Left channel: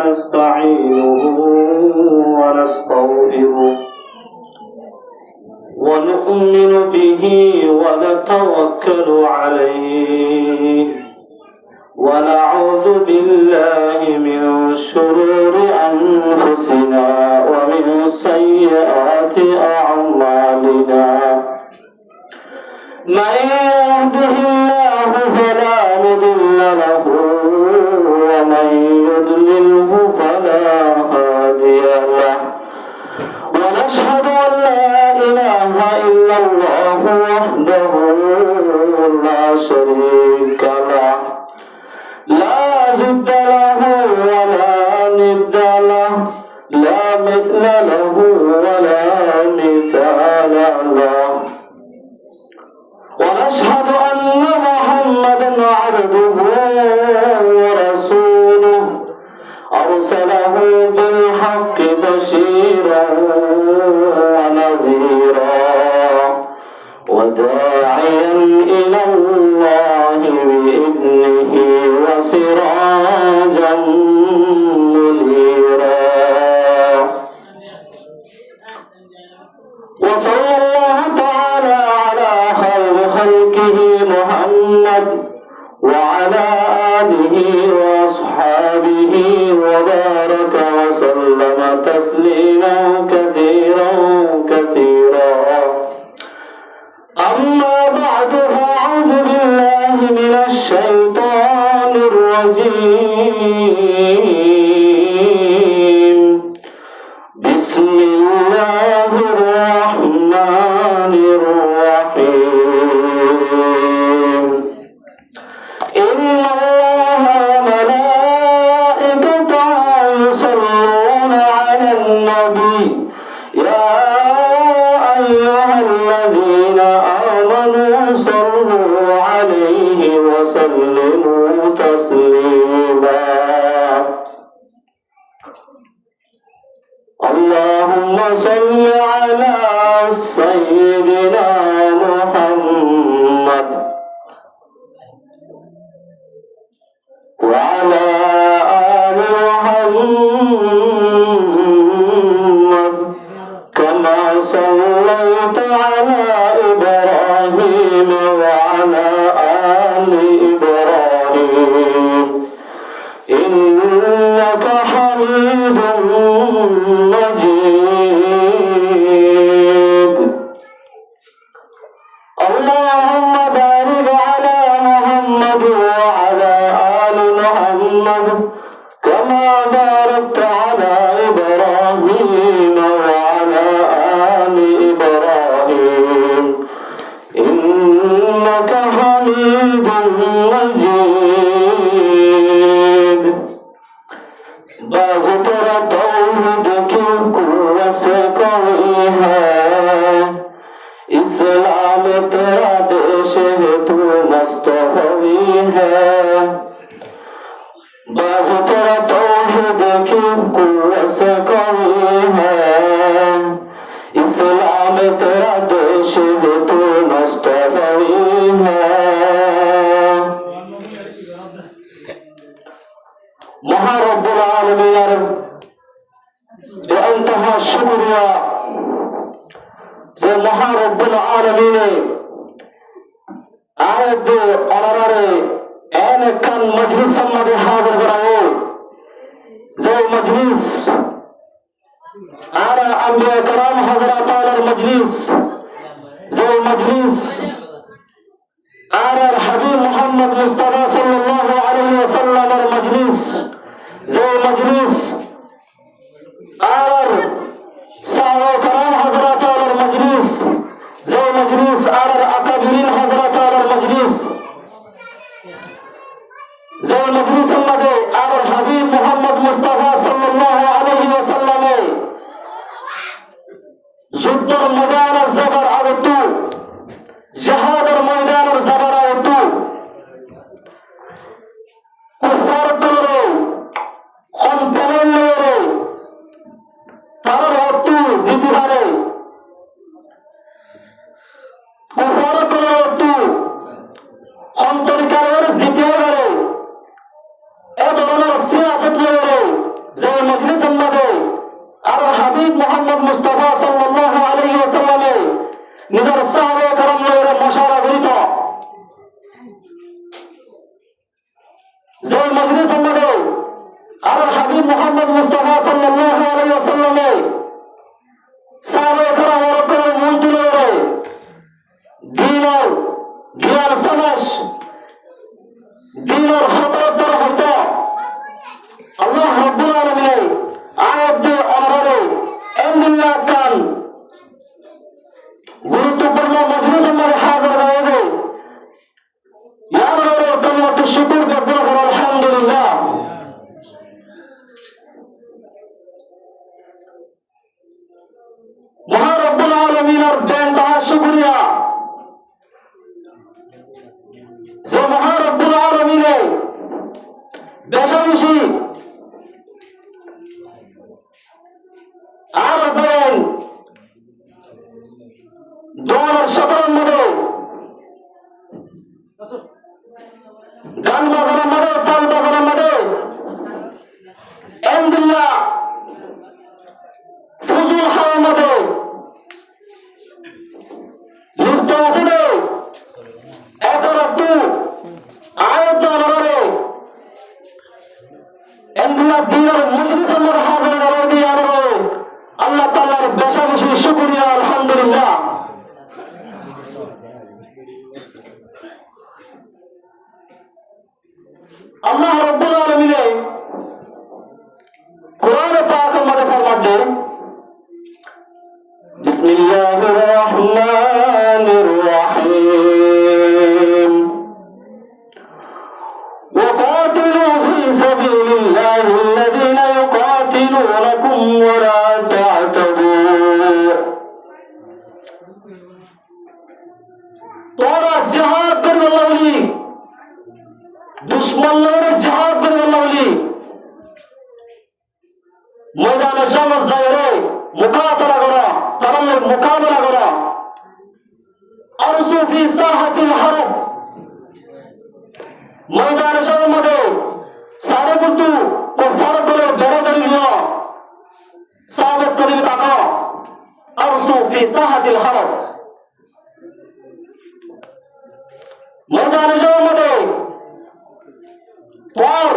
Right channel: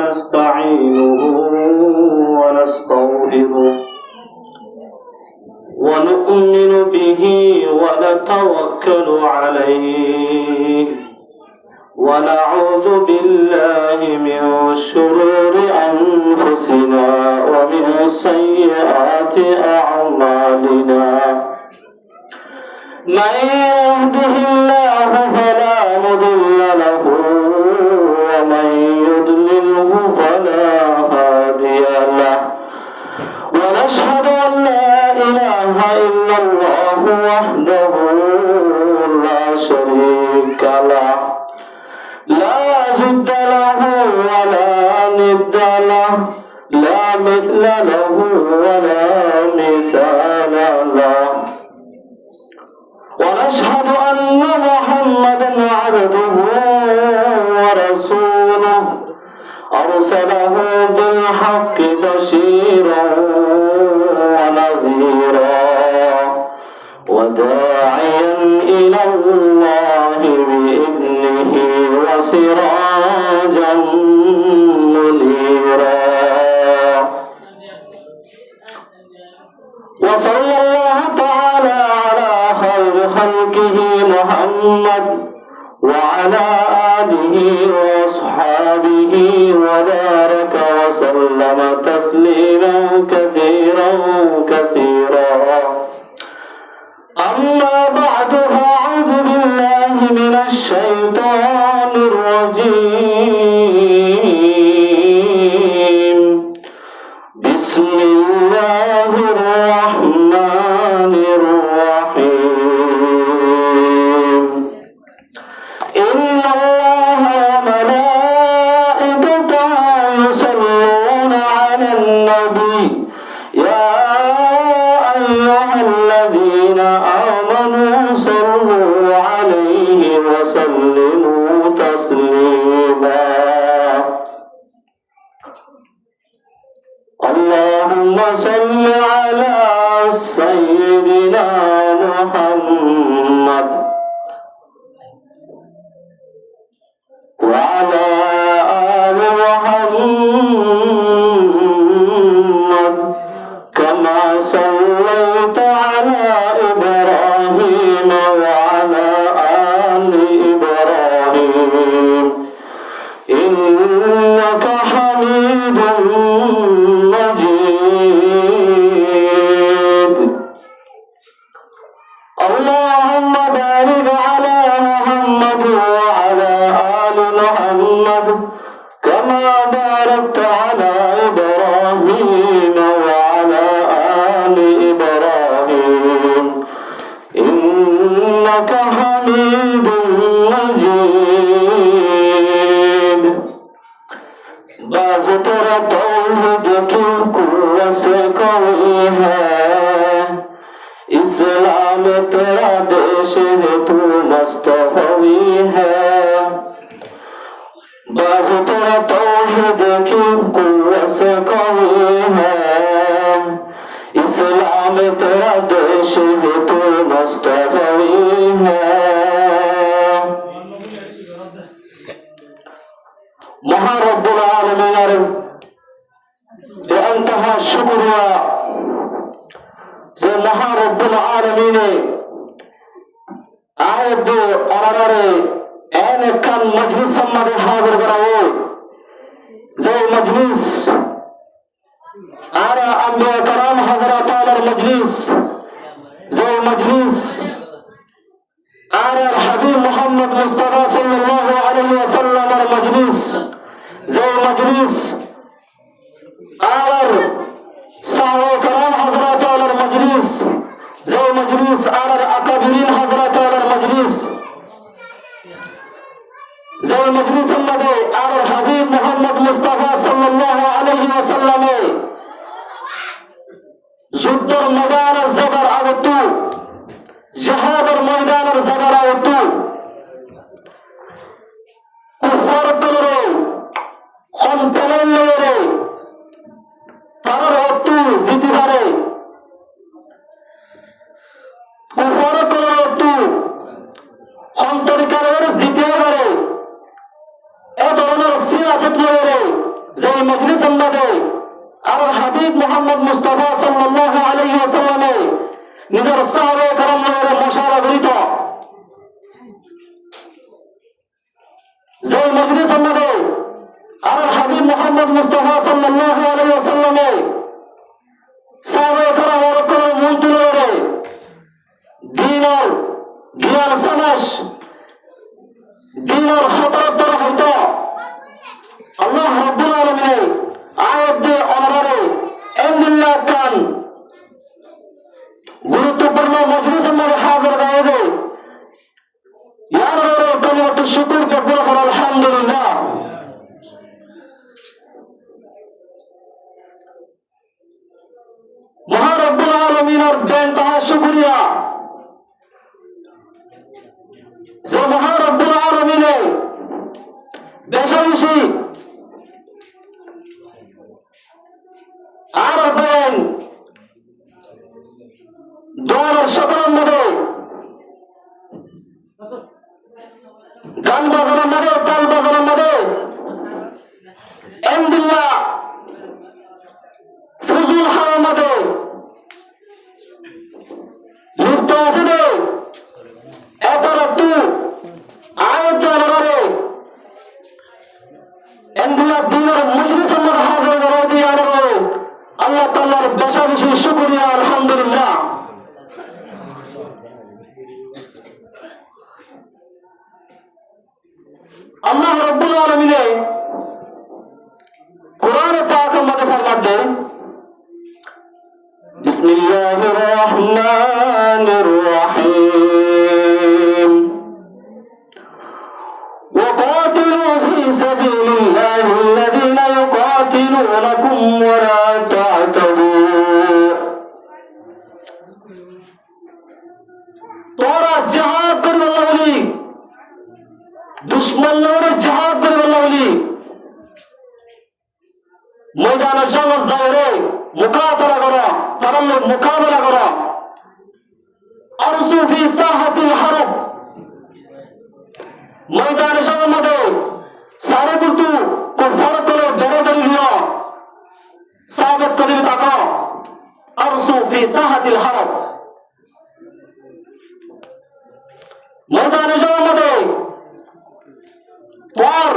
ونستعينه ونستغفره ونؤمن به ونتوكل عليه ونعوذ بالله من شرور أنفسنا ومن سيئات أعمالنا من يهده الله فلا مضل له ومن يضلله فلا هادي له ونشهد أن لا إله إلا الله وحده لا شريك له لا جد له ولا ند له لا مثل له ولا مثال له ونشهد أن محمدا عبده ورسوله أرسله بالحق بشيرا ونذيرا وداعيا إلى الله بإذنه وسراجا منيرا وصلى الله تعالى على خير خلقه محمد وعلى آله وأصحابه وبارك وسلم تسليما كثيرا كثيرا أما بعد فأعوذ بالله من الشيطان الرجيم بسم الله الرحمن الرحيم إن الله وملائكته يصلون على النبي يا أيها الذين آمنوا صلوا عليه وسلموا تسليما اللهم صل على سيدنا محمد وعلى آل محمد كما صليت على إبراهيم وعلى آل إبراهيم إنك حميد مجيد اللهم بارك على محمد وعلى آل محمد كما باركت على إبراهيم وعلى آل إبراهيم إنك حميد مجيد बाज़ तेरा तौहीद की कुव्वत से कवी है इस्लाम तेरा देश है तू मुस्तफ़वी है बाज़ तेरा तौहीद की कुव्वत से कवी है इस्लाम तेरा देश है तू मुस्तफ़वी है মহান রব্বুল আলামিনের বেআন্তহা শুকরিয়া যে মহান রব্বুল আলামিনে আয়াত অনারে এন কান মজলিস আমাদের হাজির করাও যে মজলিস আরা আম্বিয়া کرام হযরত আলার মজলিস যে মজলিস আরা হাবিব মুহাম্মদ মুস্তাফা সাল্লাল্লাহু আলাইহি ওয়াসাল্লামের মজলিস যে মজলিস আর সাহাবা کرام হযরত আলার মজলিস যে মজলিস আর আকাবিরিন হযরত আলার মজলিস যে মজলিস আমাদের আর হাবিব মুহাম্মদ মুস্তাফা সাল্লাল্লাহু আলাইহি ওয়াসাল্লামের যুদ্ধের ময়দানে যে নিজের সাহাবে কারণ মশারা গরিত যে মজলিস আমাদের আর হাবিব মোহাম্মদ মুস্তাফা সাল্লাল্লাহু আলাইহি ওয়াসাল্লামে সাহাবে কারণ ওর মন তুলে দিনের জ্ঞান সমাজ দিনের হঠাৎ দ্বারা হতো আল্লাহ রাব্বুল আলামিন আয়াত দিয়ে অনারে এমনিল্লাহ খান গুরুত্বপূর্ণ মজলিসের মধ্যে হাজির হয়ে ইয়ার কালিমাতুশ শুকর বলা করা আলহামদুলিল্লাহ মহান রব্বুল আলামিনের বেনতাহা শুকরিয়া যে মহান রব্বুল আলামিনে বেশি আর বেন দোয়ার সফরের মধ্যে গান বাজানোর মধ্যে তাল বাজানোর মধ্যে আলহামদুলিল্লাহ ফুজুল হাওয়ার মধ্যে লিপ্ত আছে রে এতরত্তু আয়াত জানারে আলহামদুলিল্লাহ দিনের মজলিসের মধ্যে হাজির করে দিয়ে আল্লাহ তাআলার বেশি শুকরিয়া আলহামদুলিল্লাহ আল্লাহ রাব্বুল আলামিন কোরআনে পাকের মধ্যে ফরমাতে বিসমিল্লাহির রহমানির রহিম وقاتلوا في سبيل الله الذين يقاتلونكم ولا تعتدوا তোরা জিহাদ করবে বলি দুশ্মনের জিহাদ করবে বলি ময়দানে জামাত যাওরে মুকাবিলা করো তারা মুকাবিলা করো আরসু ফি সাহাতিল হারব ময়দানে যাওয়ার মধ্যে সারা কিন্তু কুফার দলে বেরাদারি নিও সাহাবাত করিম তাকো আরসু ফি সাহাতিল হারব ময়দানে যাওয়ার মধ্যে তোর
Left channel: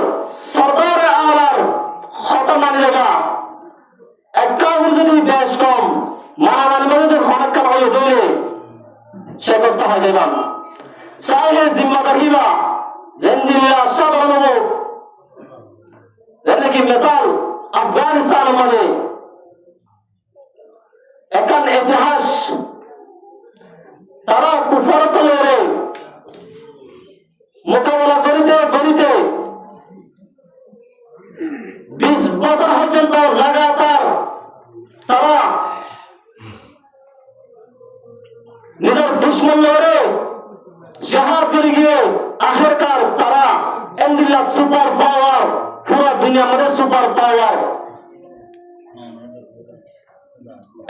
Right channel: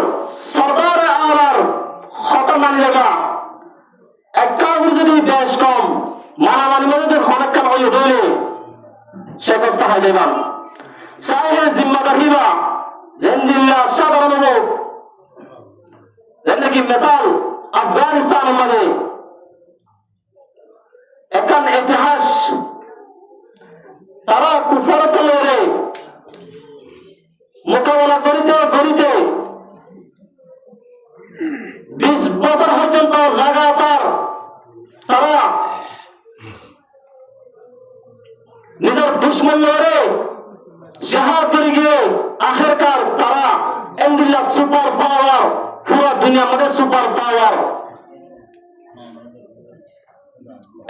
সরদারে আলার হতা মানি যাবা একটা যদি বেশ কম মানামানি মধ্যে অনেকটা হয়ে ধরে সে বস্তা হয়ে যাইলাম চাইলে জিম্মাদার হিবা জেন্দিল্লা সাধারণ যেন কি মিসাল আফগানিস্তানের মধ্যে এখন ইতিহাস তারা কুফর তলে মোকাবেলা করিতে করিতে 20 বছর পর্যন্ত লাগাতার তারা নিজের দুশ্মন লড়ে জিহাদ করে গিয়ে আখেরকার তারা আলহামদুলিল্লাহ সুপার পাওয়ার পুরো দুনিয়ার মধ্যে সুপার পাওয়ার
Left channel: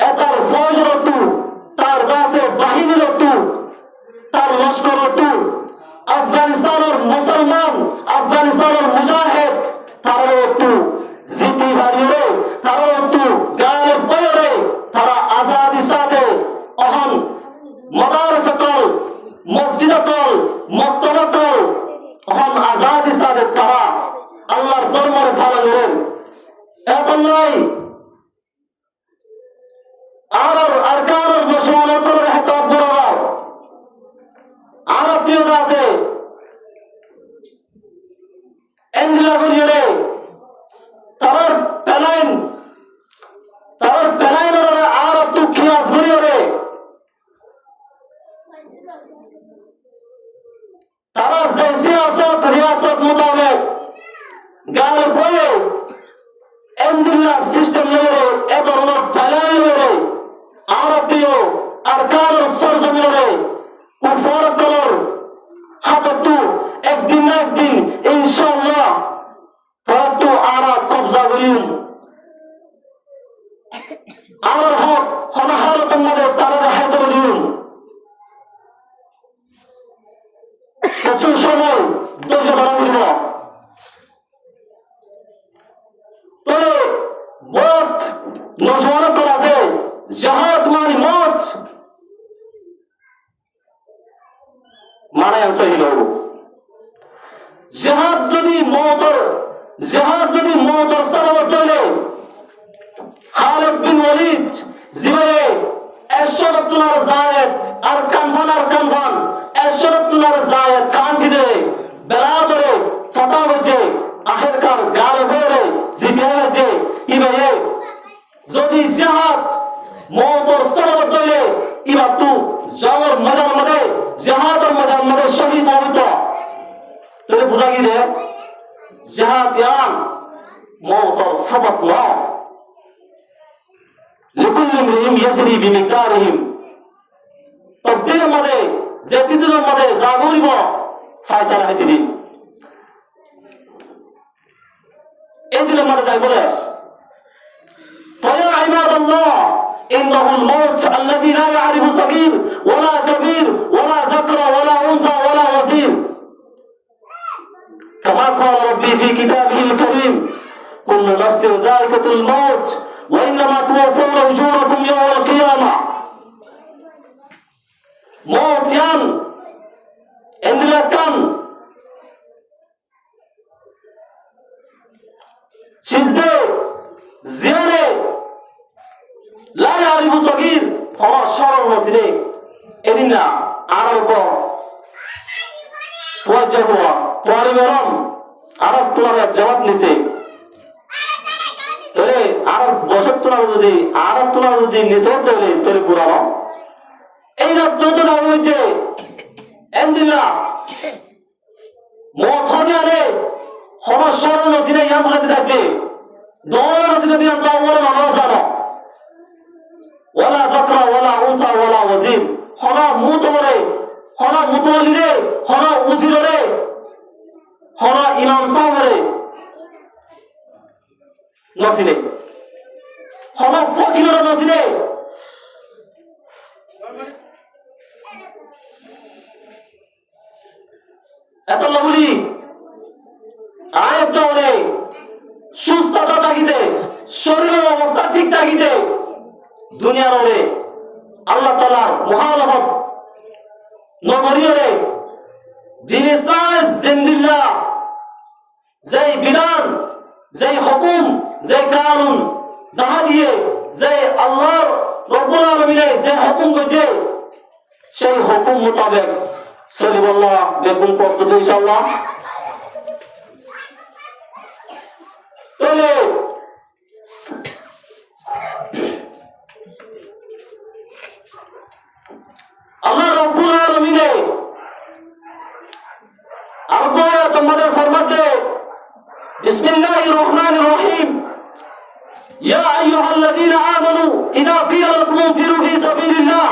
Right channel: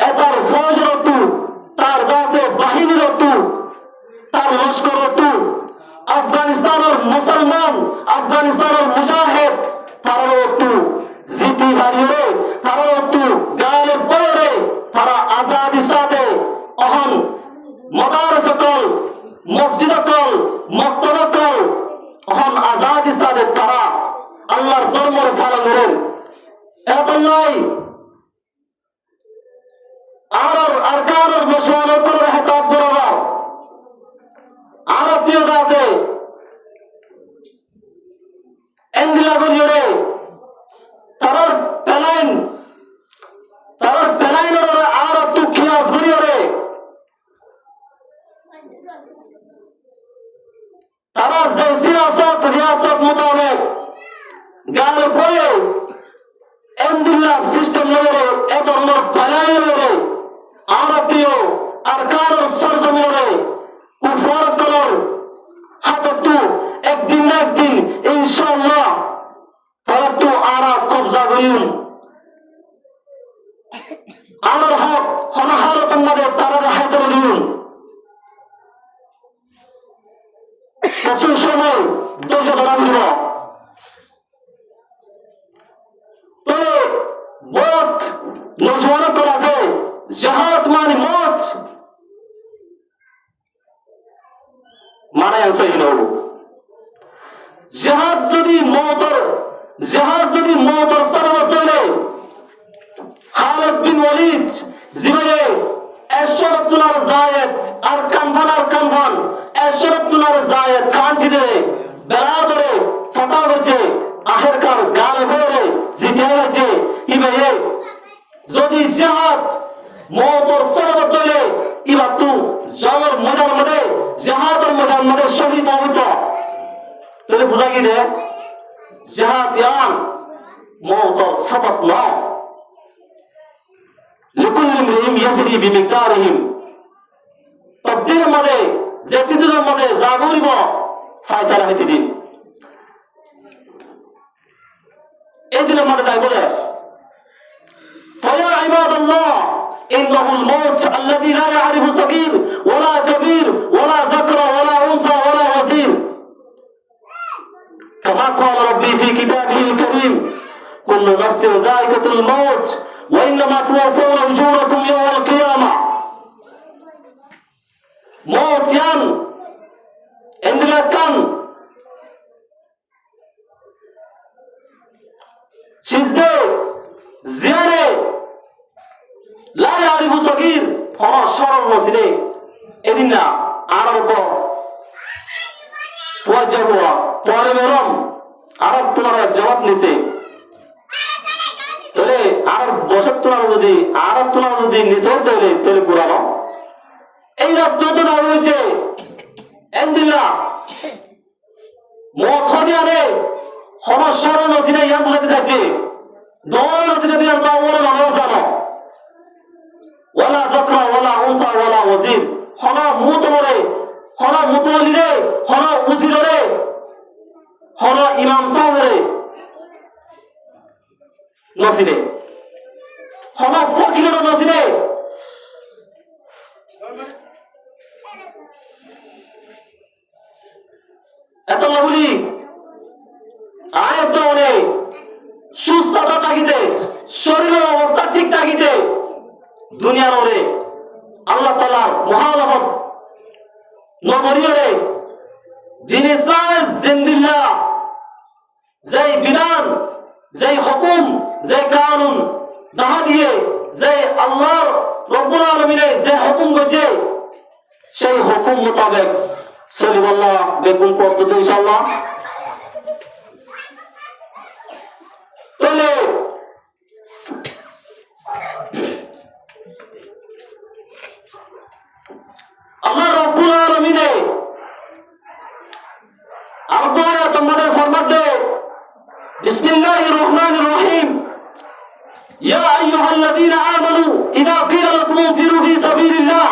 এটার ফৌজ রতু তার কাছে বাহিনী রতু তার লস্কর রতু আফগানিস্তানের মুসলমান আফগানিস্তানের মুজাহিদ তারা রতু জিতি বাড়িয়ে তারা রতু গায়ে বয়ে তারা আজাদি সাথে অহন মাদ্রাসা কল মসজিদ কল মক্তবা কল অহন আজাদি সাথে তারা আল্লাহর ধর্মের পালন করেন এখন নয় আর আরকানের মুসলমানদের হেতাব বরাবর আরতীয় আছে এন্ডিলা বলিয়ে তার প্যালেন আর তু খিয়াস বলিয়ে তারা যে সিয়াসত রিয়াসত মোতাবেক গায়ে বয়ে এমদুল্লাহ সিস্টেম লড়ে এ ধরনের প্যালেন লড়ে আরতীয় আরকানের সরজমি লড়ে কুফর তলর হাততু একদিন না একদিন ইনশাআল্লাহ তারা তো আরা কবজা করিন আর হক হনাহারতের মধ্যে তারা হাতে করিন কিছু সময় ধৈর্য ধরা উঠব তো বহুত নজওয়ান আছে জাহাদ মানে মত মানে সহিল জিহাদ যদি মওতর সবব তৈলে খালিদ বিন ওয়ালিদ জিবায়ে 100 তোলার জায়েদ আর কানফান 100 তোলার জায়েদ কান্তি দে বেড়া ধরে ফটা হচ্ছে আখেরকার গালে বলে জিতে গেছে কি ভাই যদি জিহাদ মওতর সবব তৈলে ইবা তু জবর মজার মধ্যে জিহাদের মজার মধ্যে শহীদ হতো তাহলে বুঝা কি যে জিহাদ ইয়ান মওতর সবব না لكل امرئ يجري بمقدارهم تقدير মধ্যে যেতিদের মধ্যে যা বলিব ফয়সালা হইতে দিন এই দিনের মধ্যে যাই বলে فيا عباد الله إنه الموت الذي لا يعرف صغير ولا كبير ولا ذكر ولا أنثى ولا وزير كما قال ربي في كتابه الكريم كل نفس ذائقة الموت وإنما توفون أجوركم يوم القيامة موت يان عندنا كان شزده زيانه لا يعرف صغير هو شر وسيله إذن عرب توجه هو طالب علم عرب তোমার জবাব নিছে তাহলে আরব বসত তোমার যদি নিছর দেলে তাহলে পুরানো এই যত না হয়েছে এন্দিলা মত হজারে সমস্যার নথিনে ইয়া বুঝাতে থাকবে দৌড় নথিনে দিয়ে দাও বলে মানুষ জানো ওয়ালা যাকরা ওয়ালা উনসা ওয়ালা ওয়াজির হরা মুতমরে হরা মুতওয়ালিরে হরা উজিরে হরা ইমাম সাহেবরে নসিলে হরা ফকিরের নসিলে এত বলি আয়াত দৌড়ে সুস্থতা থাকিতে শরীরের অবস্থা ঠিক থাকিতে দুনিয়ার ওরে আল্লাহ তাআলার মুহালাফত নগরীরে দিন ইসলামের জিন্দিল্লাহ যেই বিধান যেই হুকুম যেই কানুন দাহা দিয়ে যে আল্লাহর রব্বুল আলামিনের যে হুকুম করেছে সেই হুকুম মোতাবেক চলিব আল্লাহ বেগুন প্রস্তুত ইনশাআল্লাহ তাহলে আল্লাহ রব্বুল আলামিনের আর কোয়া তোমাদের ফরমাতে বিসমিল্লাহির রহমানির রহিম ইয়া আইয়ুহাল্লাযীনা আমানু ইযা কিলা লাকুম ফিরু ফি সাবিলিল্লাহ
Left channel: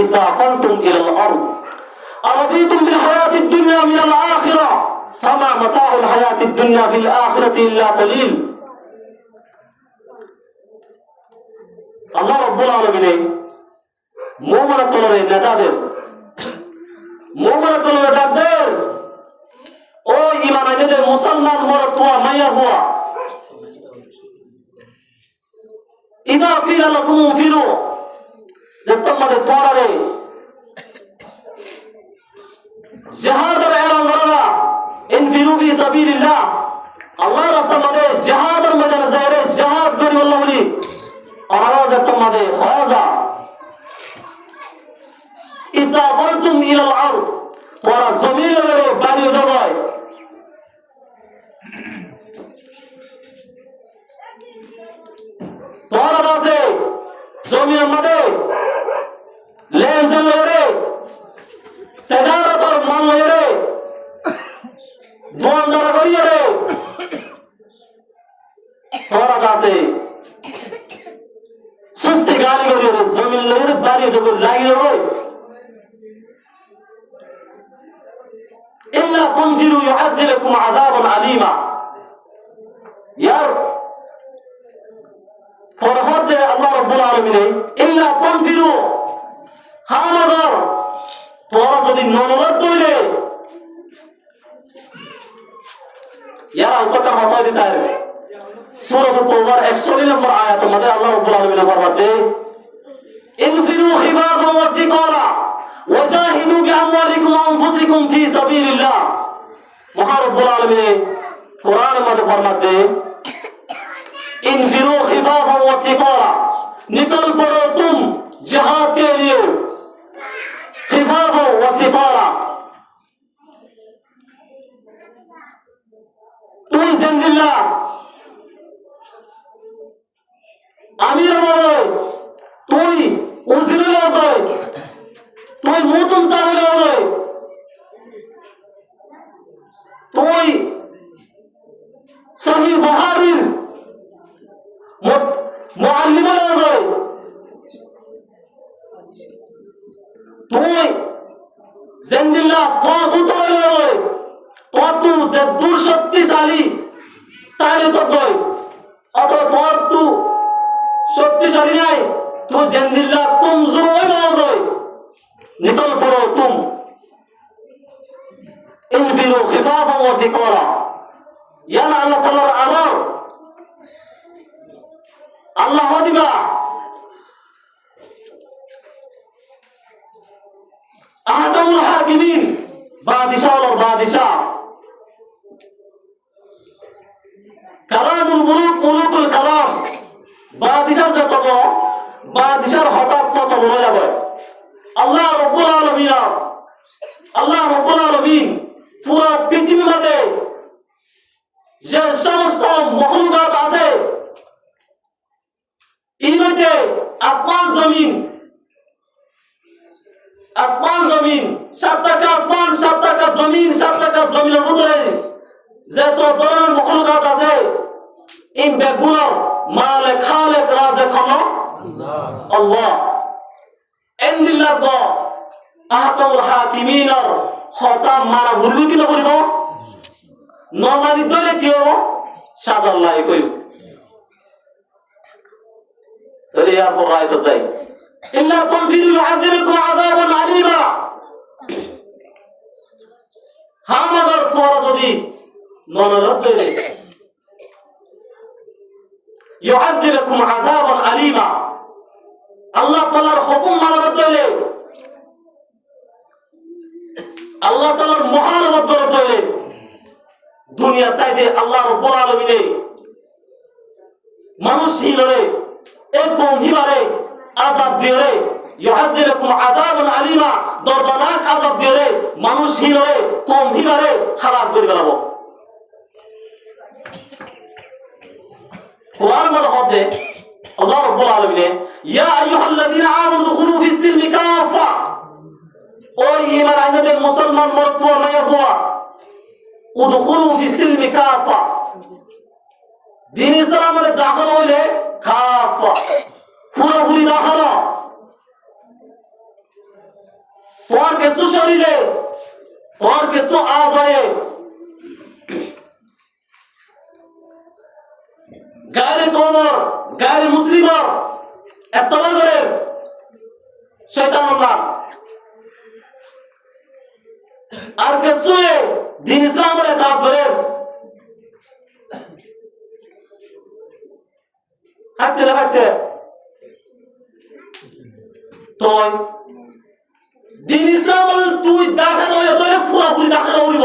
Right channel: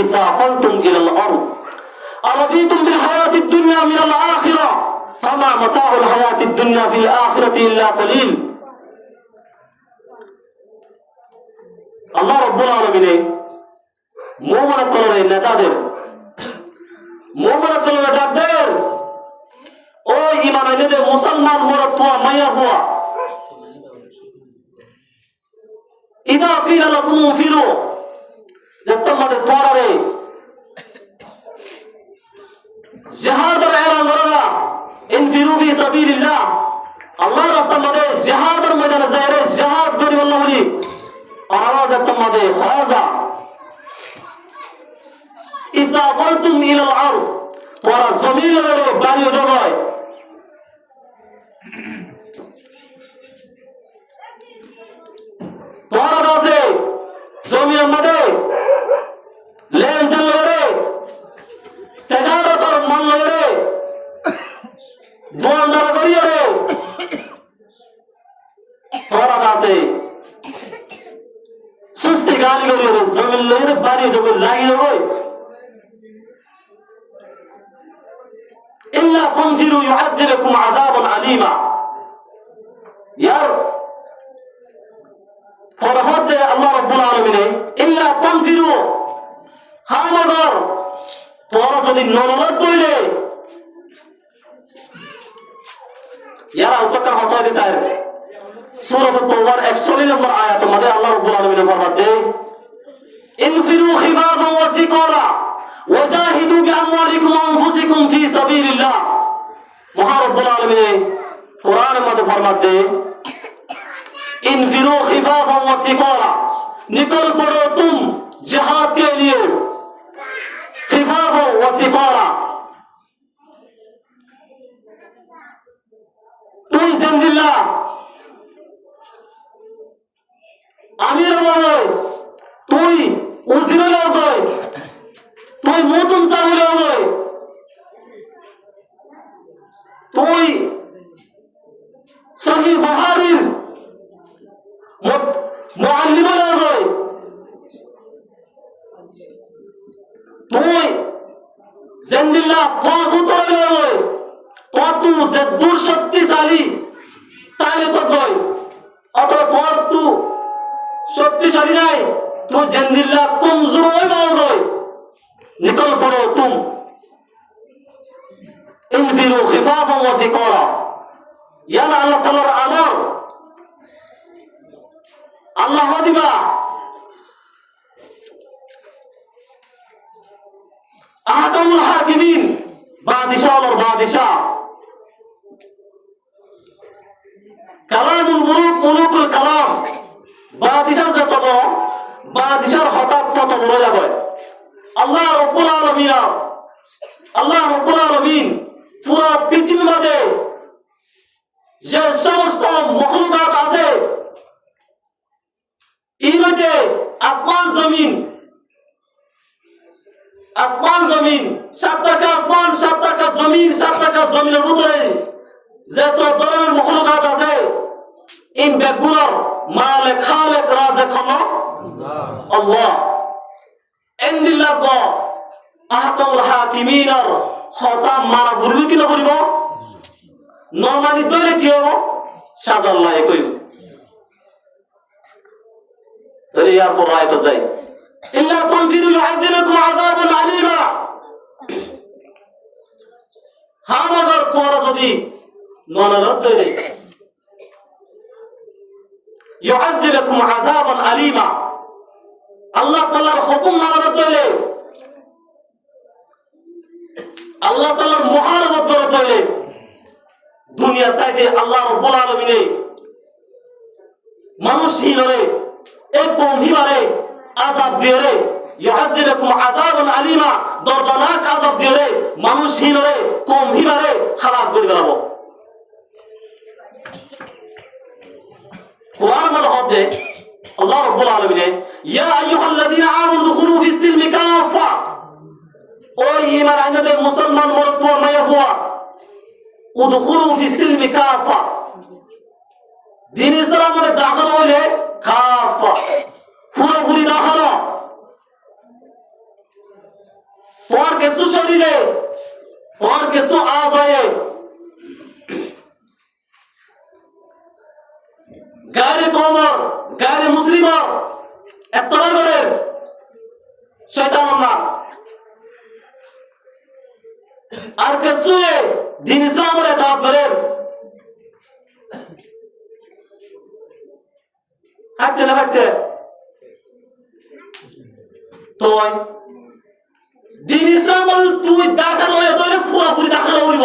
ইযা কুনতুম ইলাল আরদ আরাদিতুম বিল হায়াতিদ দুনিয়া মিনাল আখিরাহ ফামা মাতাউল হায়াতিদ দুনিয়া ফিল আখিরাতি ইল্লা কলিল আল্লাহ রাব্বুল আলামিন মুবারকরে নেতাদের মুবারকরে ডাকদের ও ইমান এনেদের মুসলমান মরদ তোয়া মাইয়া হুয়া ইদা কিলা লাকুম ফিরু যে তোমাদের পরারে জিহাদের এলান করা ইনফিরু ফি সাবিলিল্লাহ আল্লাহর রাস্তার মধ্যে জিহাদের ময়দানে যায়রে জিহাদ করি আল্লাহ বলি আওয়াজ তোমাদের হাজা ইদা কুনতুম ইলাল আরদ ওরা জমিনের বাড়ি জমায় তোরা আছে জমির মধ্যে লেনদেন করে তেজারতর মান করে দোয়ানদার করিয়ে রে তোরা আছে সুস্তি গালি করিয়ে রে জমির লেরে বাড়ি জমি লাগিয়ে রে إلا تنفروا يعذبكم عذابا أليما يار فرفض الله رب العالمين إلا تنفروا هامدر تورا যদি নরলত দইলে ইয়ারা উত্তরটা কথা দিতে চায় সূরা তাওবার 120 নম্বর আয়াতের মধ্যে আল্লাহ রাব্বুল আলামিন ফরমাতে ইনফিরু খিফাফান ওয়া যিকারা ওয়াজাহিদু বিআমওয়ালিকুম ওয়া আনফুসিকুম ফি সাবিলিল্লাহ। মহান রব্বুল আলামিন কোরআনের মধ্যে ফরমাতে ইনফিরু খিফাফান ওয়া সিকারা, निकल पड़ो तुम जिहाद के लिए खिफाफो व सिकारा। তুই জিন্দিল্লাহ আমির বলয়, তুই উজির বলয়, তুই মুতুম সামির বলয়, তুই শহীদ বাহারির মুআল্লিম বলয়, তুই জিন্দিল্লাহ তাগুত বলয়, তু যে শক্তিশালী তাইলে তো কই অথবা তু শক্তিশালী নাই, তুই জিন্দিল্লাহ কমজোর হই না হই। নিকল পড়ো তুম ইনফিরু খিফাফান ওয়া সিকারা। ইয়া আল্লাহ তাআলার আমর আল্লাহ দিবা আহাদামুল হাকিমিন, বাদিশাহ কালামুল মুলুক, মুলুকুল কালাম। বাদিশাহ যে কত, বাদিশার হঠাৎ কত বলে যাবে। আল্লাহ রাব্বুল আলামিন পুরো পৃথিবীর মধ্যে যে সমস্ত মখলুকাত আছে, এর মধ্যে আসমান জমিন, সাতটা আসমান, সাতটা জমিন, সাতটা জমিনের ভিতরে যত ধরনের মখলুকাত আছে, এই বেগুনার মালিক খালিক রাজিক হলো আল্লাহ। ইনদিল্লাহ গো আহকামুল হাকিমিনর হতাম মানা ভুলবি কি না করিব, নমানি দলে কি হবো সাদাল্লাহ কইব। রিয়ার পর রায় তো যাই ইল্লা তুনফিরু ইউআযিবুকুম আযাবান আলীমা। হামাদার তোরা যদি ননরত দলে ইউআযিবুকুম আযাবান আলীমা, আল্লাহ তাআলার হুকুম মানার দলে, আল্লাহ তাআলার মুহাররত করার দলে দুনিয়া তাইতে আল্লাহ রাব্বুল আলামিন মানুষ হিলরে এক কম হিবারে আযাব দিরে, ইউআযিবুকুম আযাবান আলীমা, দর্দনাক আযাব দিরে মানুষ হিলরে কম হিবারে হালাক করে গেলাবো। কোরআন বলে হবে আল্লাহ রাব্বুল আলামিন ইয়া আইয়ুহাল্লাযীনা আমানু দুখুলু ফিস-সিলমি কাফা, ও ঈমান আনবে মুসলমান মর্দ ও মায়া হুয়া, উদখুলু ফিস-সিলমি কাফা, দিন ইসলামের দাখিল হইলে কাফা পুরোপুরি দাখিল। তোমার কিছু শরীরে, তোমার কিছু আজয়ে গায়রে কওমর, গায়রে মুসলিমর এতলা করে শয়তান না, আর কিছু দিন ইসলামের দাওয়াত করে হাঁটতে না হাঁটতে তো দিন ইসলাম তুই দাখিল হয়ে তোরে পুরোপুরি দাখিল হইব।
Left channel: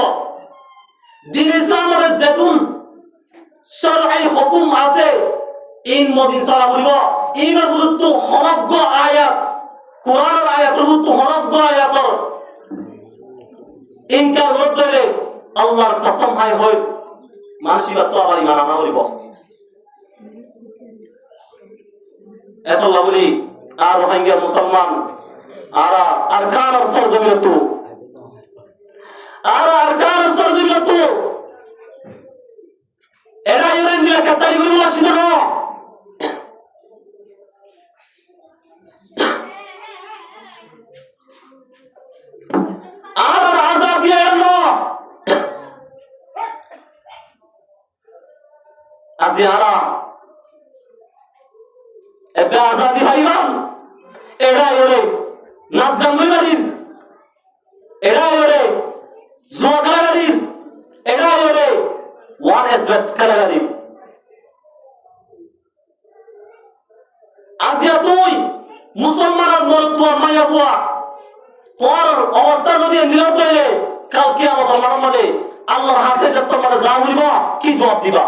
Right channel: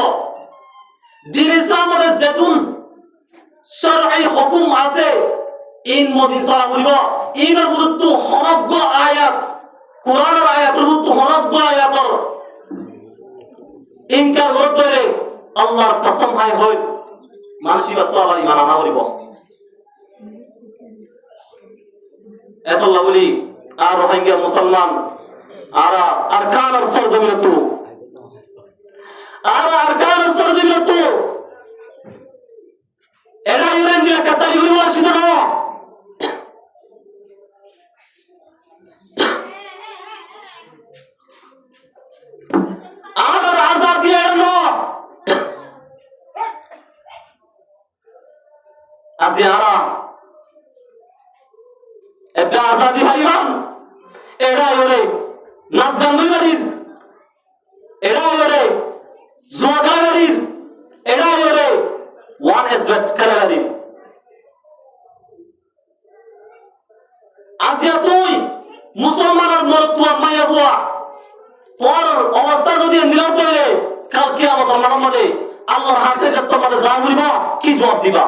দিন ইসলামের যেতুন শরঈ হুকুম আছে ইন মদিন সালা করিব, ইনের বুঝতো হনজ্ঞ আয়াত, কোরআনের আয়াতের বুঝতো হনজ্ঞ আয়াত ইনকার করতে আল্লাহর কসম হয় হয় মানসিকতা তো আবার মানা না করিব। এত লাভলি আর রোহিঙ্গা মুসলমান আর আরকান সরজমিনত, আর আরকান সরজমিনত এরা ইরান দিয়া কাতারি গুলো আসিল না, আর আজাদ দিয়ে এড়ানো আজি আরা এবে আজাদি ভাইমান এড়াই ওরে নাচ গান বাড়ির, এড়াই ওরে জুয়া খেলা বাড়ির, এড়াই ওরে ওয়ান এসবেট খেলা বাড়ির। আজিয়া তুই মুসলমানের মরতুয়া মায়া বুয়া তোর অবস্থা যদি নিরন্ত হয়ে কাল কিয়ামত মানবে আল্লাহর হাতে যে তোমার যা বলিবা কি জবাব দিবা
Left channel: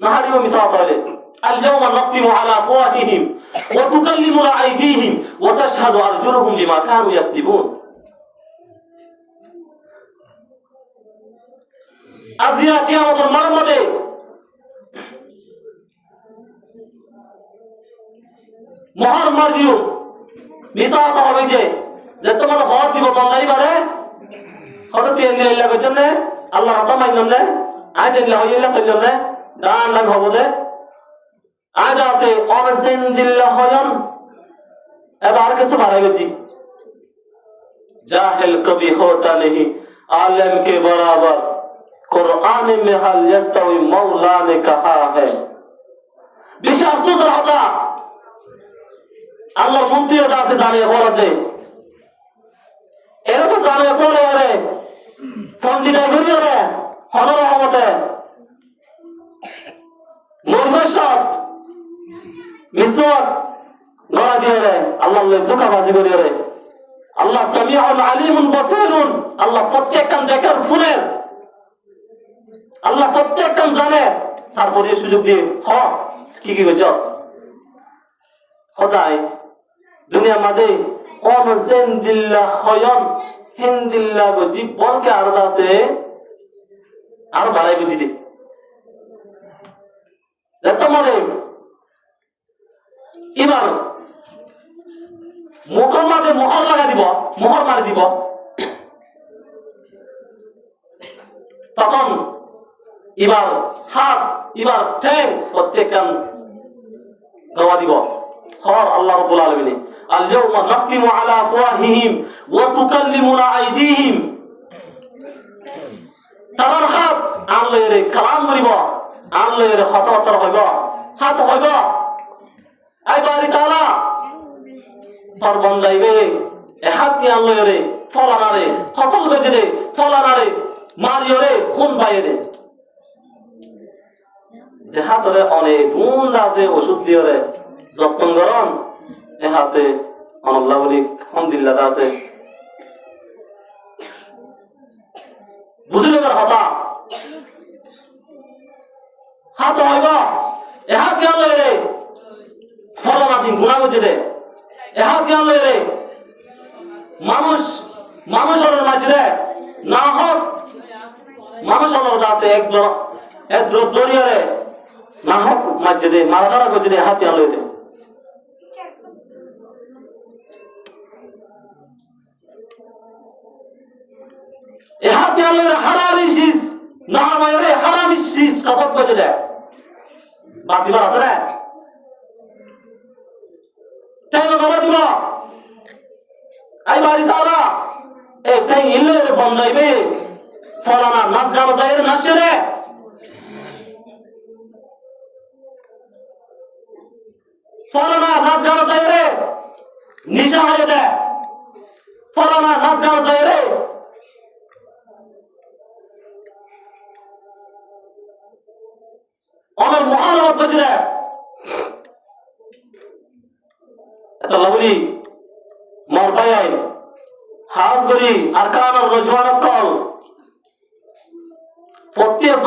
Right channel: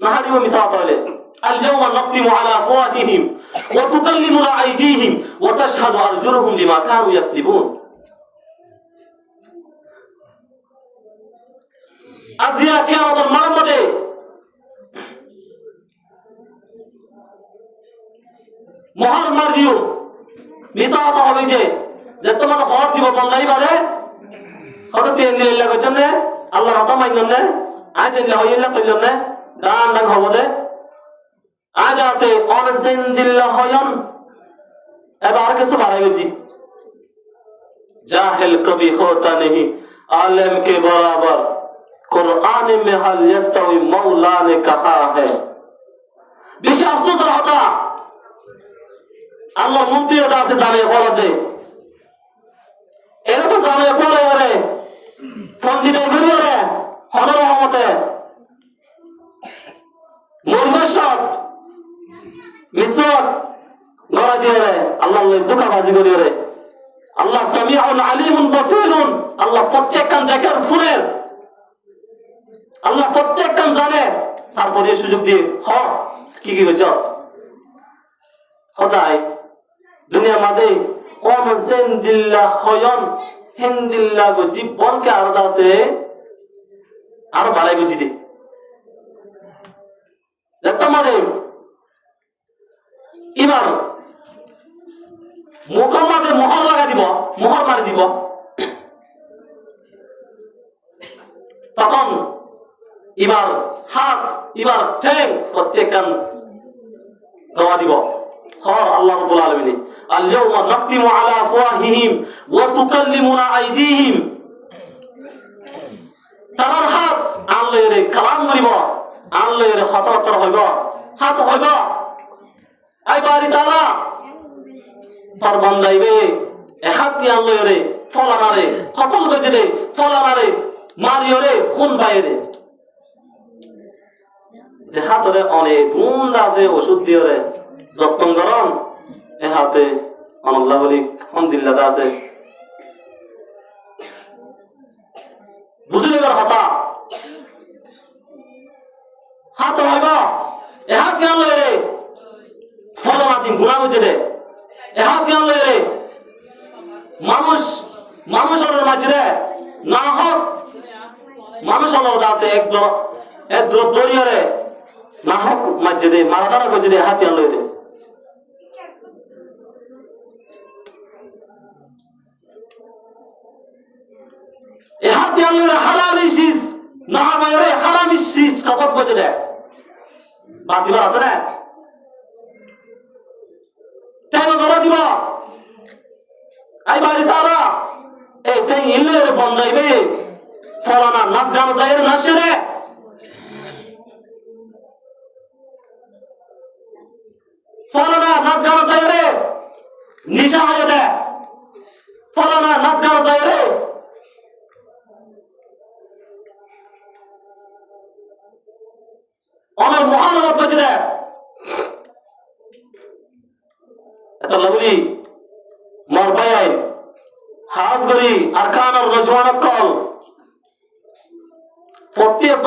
না হারিও মিছা বলে اليوم نختم على أفواههم وتكلمنا أيديهم وتشهد أرجلهم بما كانوا يكسبون আজিয়া কিয়ামতের মানবে মহান মার্জিও মিছা কথা হবে যে তোমার হক দিব বন্ধাই পারে হঠাৎ দিয়ে দিলে কইতেন না আল্লাহ রকম মাইলাম না আজ এগুলা হইলা কইলাম না ডান ডান হবো দে আজ আছে অনসেন দিল্লা হয়ান এবার কিছু বাড়াই গেছি জাহিল কবি होता नहीं आलम के बराबर कुरान में हल यस्तवी मौला ने कहा है বিশাল সুদর হতা আল্লাহ মুক্তির কাছে জানে বলে দে এরা তো জানে বলে ওরে ফোন দিনাই করি ওরে হনর রহমতে মুরবেশক মিসওয়াক গড়া দিয়ে রে আল্লাহ দুটা বাজি করি রে আল্লাহ সামিউন আলিমুন বাসীরুন আল্লাহ প্রত্যেকখান দেখেন শুনেন আল্লাহ প্রত্যেকখান জানে তারপরে সুযোগ দিয়ে কি কি করছ খোদাই দুনিয়া মাঝে অনসেন দিল্লা হয়ন হিন্দিল্লা জীবনকে আরো আছে আরো বাড়াই বুঝি দি যত মানে এবার মুখের মাঝে মোহর লাগা দিব মোহর মারি দিব তখন এবার হাত এবার ঠ্যাং প্রত্যেকখান গাওয়া দিব আল্লাহ রাব্বুল আলামিন اليوم نختم على أفواههم وتكلمنا أيديهم তার হাত আনলে কালাম করিব আনলে হতর হইব হাত হইব এই বাড়ি তারা তোর বন্দাইবে এ হাত নিয়ে আনলে রে ফলানা রে কতল করে রে ফলানা রে মারিও রে খুন বাইরে যে হাতরে অনেক গুণ আছে ওষুধ দিয়ে রে যত্ন গরম এ হাতে আল্লাহ বলি আলহামদুলিল্লাহ আছে বুঝলে হতা হাত হইব এ হাত কি আনলে রে ফলানা দিন গুণা বুঝে রে এ হাত কি আনলে রে মানুষের মাঝে না হোক মানুষের আছে এক দরিয়ারে না হোক মাঝে দে মারাদারা করছে রে হাতি আনলে রে এ হাতি আনলে হালালি শীষ না হবে হারামি শীষ কাপড় করছে রে বাসিবার আছে না তাই ধরা দিব এই বাড়ি তারা এই ইলের বন্ধাইবে ফলানা নাচ গান যায় নাচে রে ফলানা নাচ গান যায় রে নিশা হয়ে যায় ফলানা নাচ গান যায় রে আমার মহানবত করছে এত বাবুলি মার ভাই হাজ করি আর কান আর রজওয়ান কল প্রত্যেক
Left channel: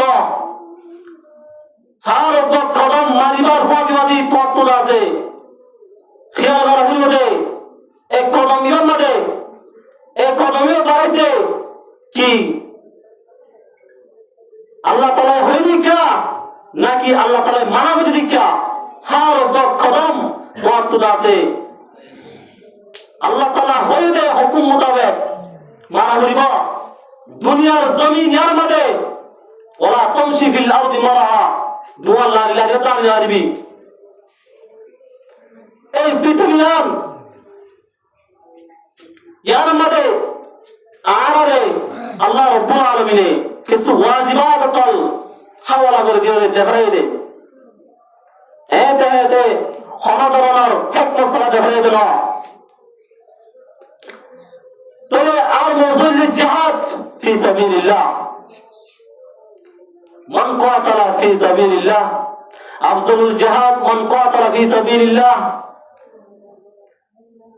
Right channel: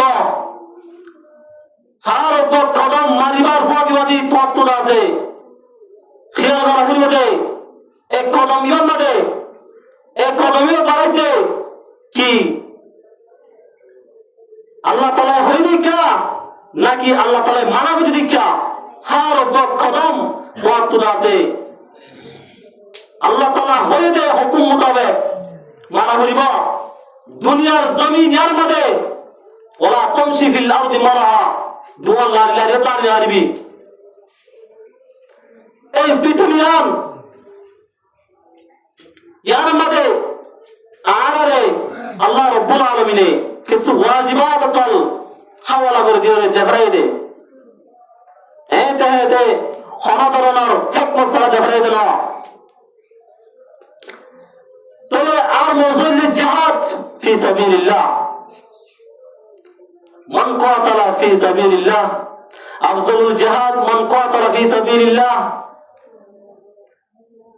হার কদম মারিবার ফাঁকিবাদী পথ আছে খেয়াল করা ভুল দে এক কদম নিবেন না দে এক কদমেও বাড়াইতে কি আল্লাহ তাআলা হয়নি কা নাকি আল্লাহ তাআলা মানব দীক্ষা হার কদম পথ আছে আল্লাহ তাআলা হয়ে দে হুকুম মোতাবেক মানা বলিব দুনিয়ার জমিন এর মধ্যে ওরা তামশি ফিল আরদি মারহা দুয়া লা ইলাহা ইল্লাল্লাহ আরবি এই পৃথিবীর এর মধ্যে আরে আল্লাহ রাব্বুল আলামিন কিছু ওয়াজিবাত কল হাওয়ালা করে দিয়ে দেখাই দে এতে হনদরনার হিকমত সারা দেখাই দিল أفضل الجهاد في سبيل الله من قاتل في سبيل الله أفضل الجهاد من قاتل في سبيل الله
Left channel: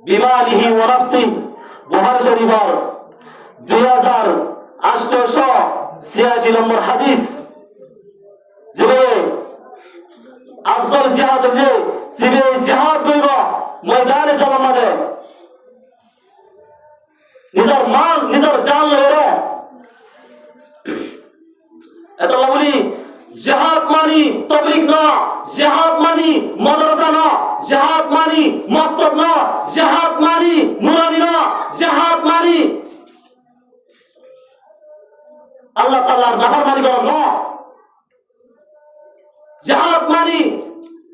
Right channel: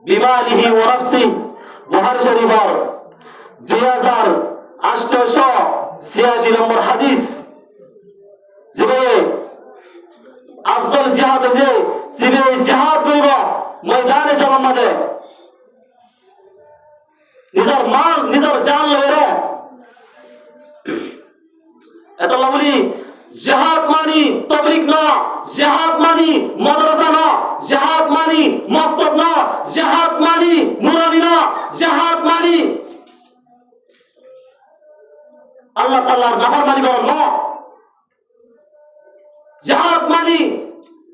বিমানিহি ওয়া নাফসি বুখারী শরীফের 2886 নম্বর হাদিস যে আফজল জিহাদ হলে সিবে জিহাদ করিব ময়দানে যাওয়ার মাঝে নিজের মান নিজের জান লয়ে এত বলি জিহাদ মানি তাবলীগ না, জিহাদ মানি মাদ্রাসা না, জিহাদ মানি মক্তব না, জিহাদ মানি নুরানি না, জিহাদ মানি আল্লাহ তাআলার নাফরমানি করা না, জিহাদ মানি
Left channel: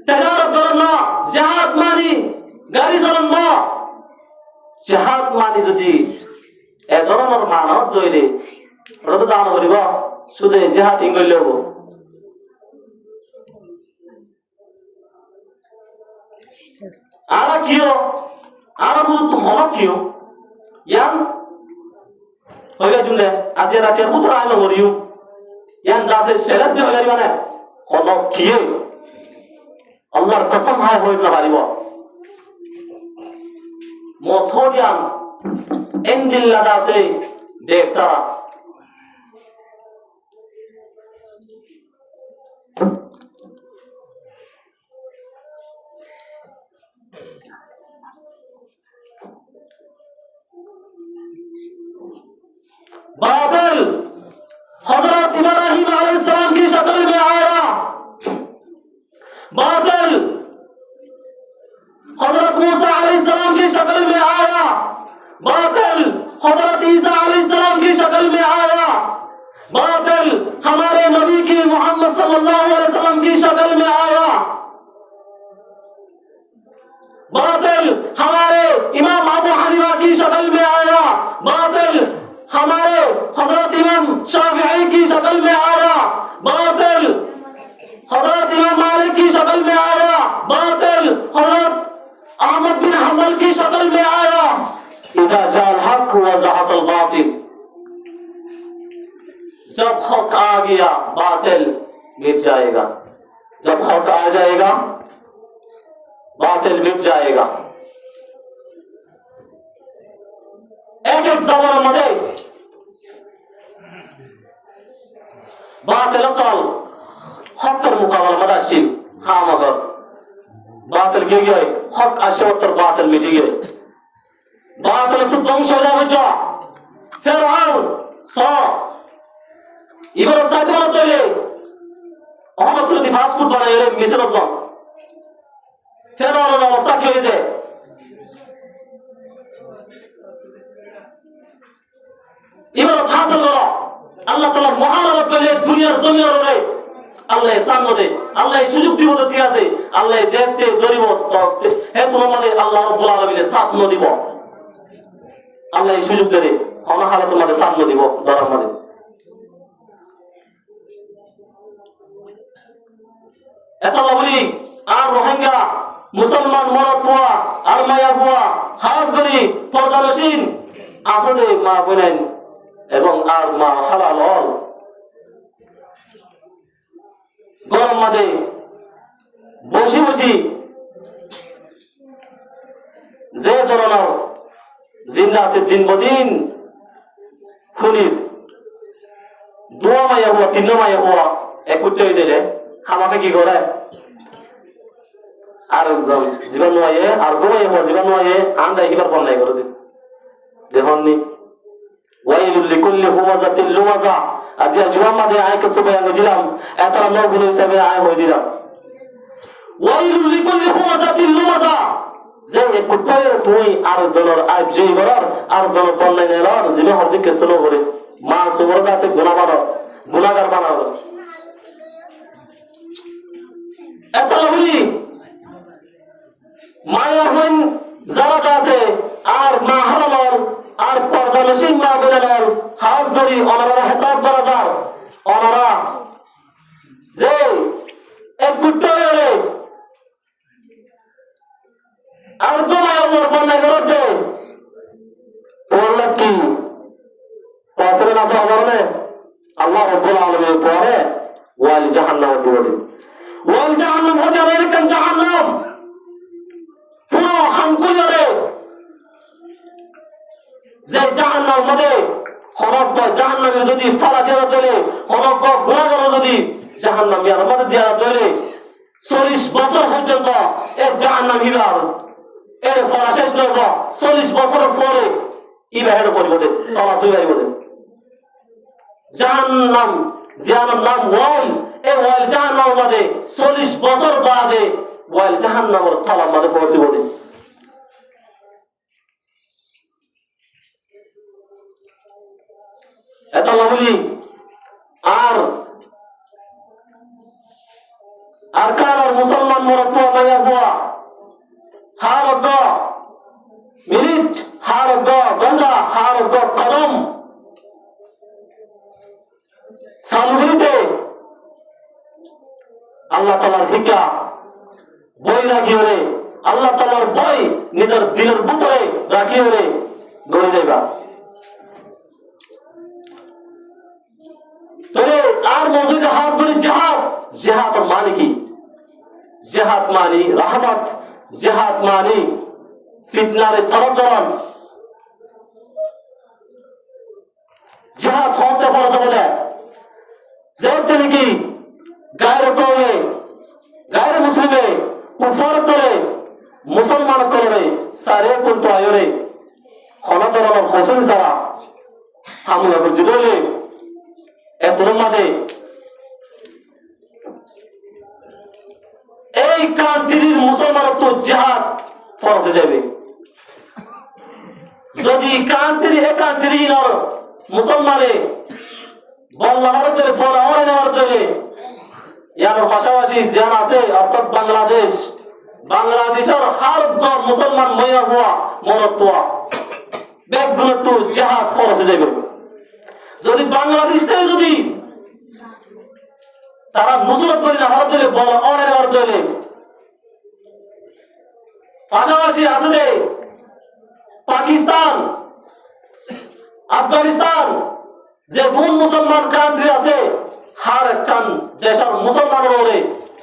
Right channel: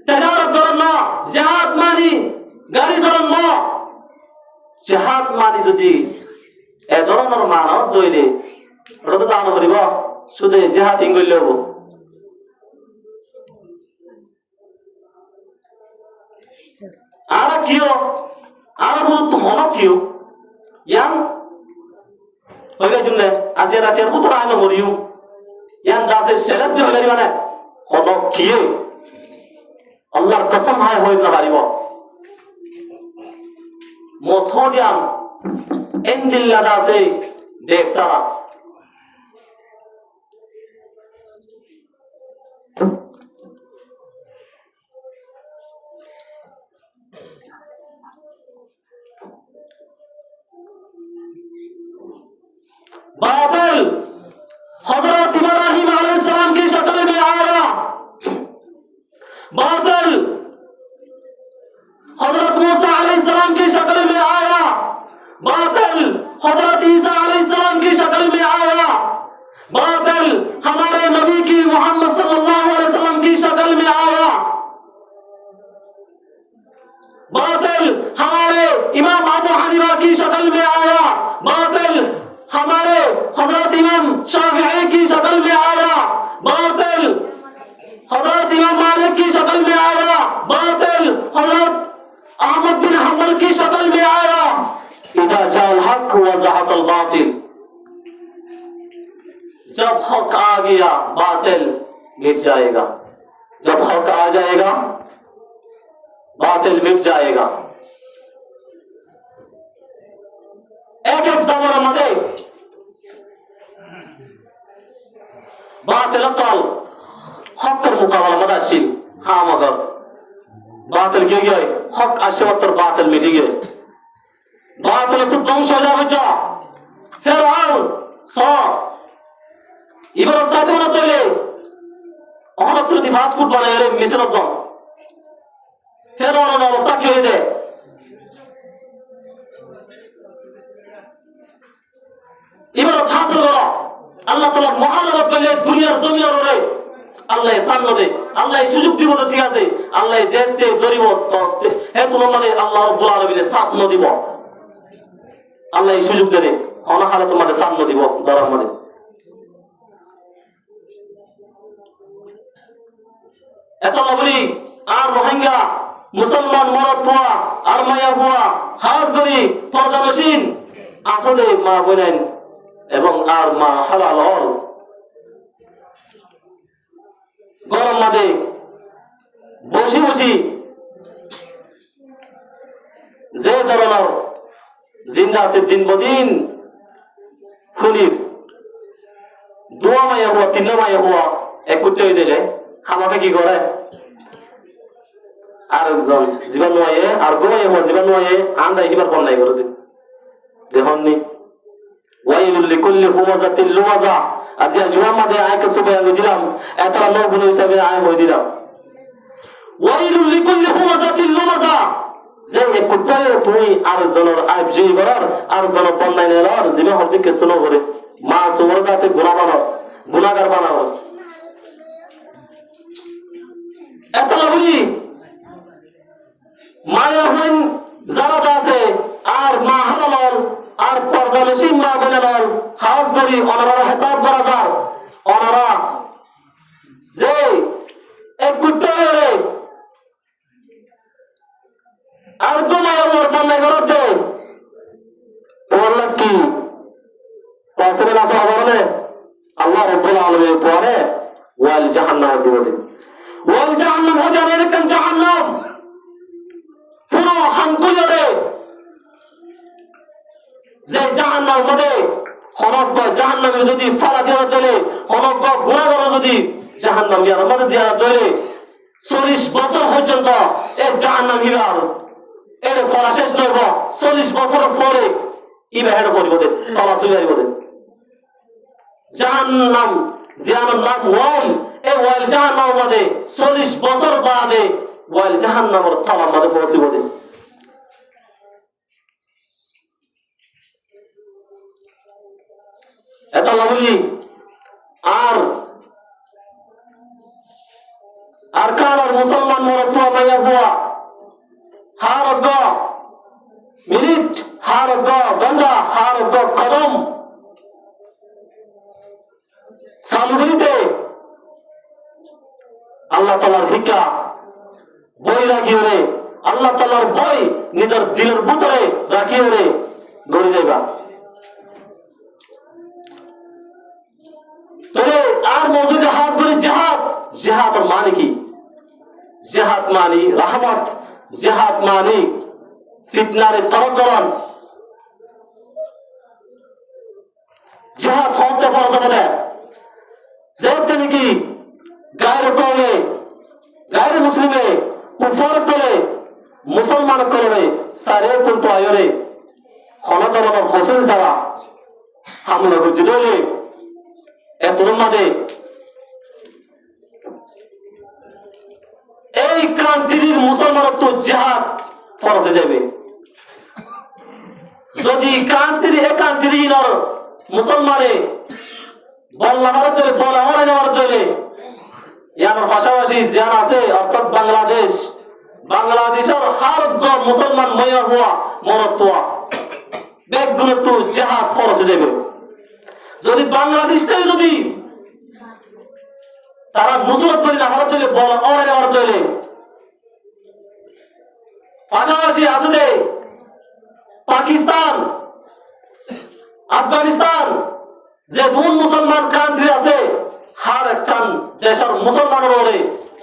তেজারত করা না, জিহাদ মানি গাড়ি চালান না। জিহাদ মানি যদি এ ধরনের মানব তৈরি রত দান করিব শুধু জিহাদ ইংলিশ হব। আর কিও আর বহুত হলো কিও ইয়ান হইবে তুমি আজ রাতে পুত্র আলো মরিও ইয়ান দাসের শেরাত দেবে গাড়ি মানে হলো কিও আল্লাহর কসম হয় হইতে পারিব মথোডিয়াম এন্দিল্লা দাসে দেখছা बादल हजरत इब्राहिम अलैहिस्सलाम की शक्ल में आया, बादल हजरत मूसा अलैहिस्सलाम की शक्ल में आया, बादल हजरत ईसा अलैहिस्सलाम की शक्ल में आया, बादल हमारे नबी की मोहम्मद सल्लल्लाहु अलैहि वसल्लम की शक्ल में आया, बादल हमारे इमाम अबू हनीफा की शक्ल में आया, बादल हमारे हजरत इमाम शाफिई की शक्ल में आया, बातिल हजरत इमाम मालिक की शक्ल में आया, बातिल हजरत अहमद बिन हंबल की शक्ल में आया। इदा जाल हक व ज़हक़ल बातिल, जब हक आ गया बातिल मिट जाएगा, जब हक आ जाएगा बातिल मिट जाएगा। एक एक जमाना मधे बातिल कल हकर मुकाबला मदाशिल हाँ मगर बातिल गिर गए हक आशे वक्त बातिल मिट गए बातिल तो ধ্বংস হয়ে যাবে তো ফেরাউন সা ইবরাহিম সাইদুল তৈলে অহমদ প্রতি ফাস্ট ফুড বানায় রে মিশর তো ফেরাউনের অবস্থা কি হয়েছে ইবাদত হাসিল করো আল্লাহ তাআলা মহানবত করলে দুনিয়ার জমিনের উপরে আল্লাহ সামনে দে আল্লাহ সুযোগ দিব তো ঠিক আছে আল্লাহ যেতে ধরিব তো হে তোমাদের আল্লাহ রাব্বুল আলামিনের সামনে দিব আল্লাহ সুযোগ দেবে কোন হালে তোমাদের সামনে দিব ধরার মানে এত বলি আর রোহিঙ্গা মুসলমান মরদ হওয়া আর মায়া হওয়া হাজ করি পর্দা মেশিন আসলে মা বলেন এবং আর মা হালাল গরম মাঝে বসি বসি যে ধরনের জিন্দা আছে দিন বদিন খুলির দোয়া মাইয়া হওয়া তিন মাইয়া হওয়া একত্রে হয়ে দিলে আমাকে কি করে আর জীবন নয় আর গোমাই হওয়া জীবন নয় আন্দাই কিবার বন্যায় করে দিন দেখুননি ওয়াইলুল লিকুল্লি হুমাযাতিল লুমাযা আজ জুমার মাঝে আয়কে সুবে আমি দিলাম এতরা নবুল হিসাবে আয় হই দিলাম ওয়াইলুল লিকুল্লি হুমাযাতিল লুমাযা যে কুত্তারে তুই আর জনর আব যে বরার আর জন বন্যায় নেলার জীবন হদিকে শুনো করে মা সুমর কাছে গুনাহগার বানাবো এত বলি মায়া হইন যারা আছে আর মা হারালার আর পর্দা মেশিন মা বেলালার হাজ করি ওনারা হেতাব করা যার ওনারা যে এক কুত্তারে আর গোমায় ওর বন্যায় করতে ওর কি পাশের আছে অবরণে আল্লাহ রাব্বুল আলামিন পরে ওয়াল জাহান্নাম দিবেন ওয়াল জাহান্নাম হতে এরকম জাহান্নাম পুরো হামকুলরে যে জাহান্নামের মধ্যে সমগ্র জাহান্নামের যদি ফালা দেওয়া চলে সমগ্র গুণাগার যদি জাহান্নামের মধ্যে দেওয়া চলে 40 বছর পর্যন্ত এই জাহান্নাম ইবার এর পড়া শেষ নয় 40 বছরের পরে ইবার পরিবর্তে তলা সুইবার করে জাহান্নাম জিয়ানোর নাম ওয়াইল এই ওয়াইল জাহান্নামের মধ্যে 40 বছর বাদে ওয়াইল জাহান্নামের তলার মধ্যে পৌঁছে বলে এত বলি আর কারণ মুসলমান মরত মাইয়া বুয়া হারগ মিনিট হারগ গন্ডা হারগ কদম সামুদ্রিতে আল্লাহ তাআলার ভিকা বই রাখিও রে আল্লাহ তাআলার বই নিজের দিলের ভিতরে রাখিও রে গড়ে দেবা তবে আর মজুদে হাত করে জিহাদ মানে কি জিহাদ মানে রাহমত জিহাদ মানে ফিতনার তরফদার জিহাদ হতে পারে যে তিনি কি গায়ের কমে গায়ের মুসলিমে কুফর করে মুসলমান করে সারে কিন্তু আয়রে খনাতর হোসেন সারা হামলা করতে দিলে এত মধ্যে এই কান্তির মুসলমান তো জিহাদ ফরজ হয়ে যাবে যদি কান্তির একান্তির মুসলমানে বল্লাহরতে বলাহরে যাওয়ার জন্য ইয়ার পাশাপাশি জিহাদ আছে অর্থাৎ বাংলাদেশের হার মুসলমান ময়া হওয়া মরত্বা ব্যাগগুলো তো জিহাদ ফরজ হয়ে যাবে যদি বাংলাদেশটাই যদি তারা মুসলমান করে না হওয়ার জন্য বলা অনেক হওয়ার জন্য পাশাপাশি আছে পাকিস্তান আফগানিস্তান যে কোন মুসলমান কান্ট্রি আছে হার একখান দেশের মুসলমান বলে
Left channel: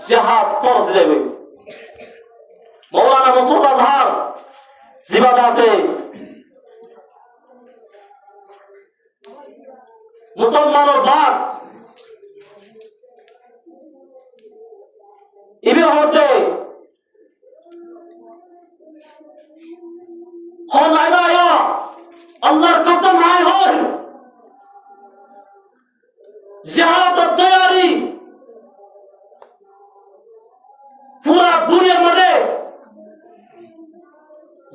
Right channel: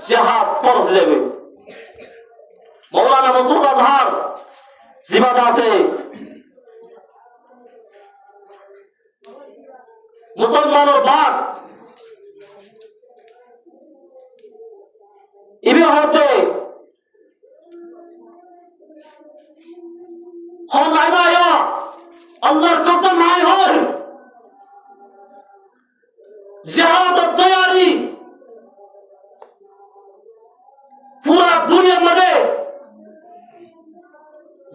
জিহাদ ফরজ হয়ে যাবে মৌলানা মাসুদ আজহার জীবন আছে মুসলমানের বাদ ইবি হতে হন আইবায়া আল্লাহর কসম হায় হয় জিহাদের তৈরি পুরা দুনিয়ার মধ্যে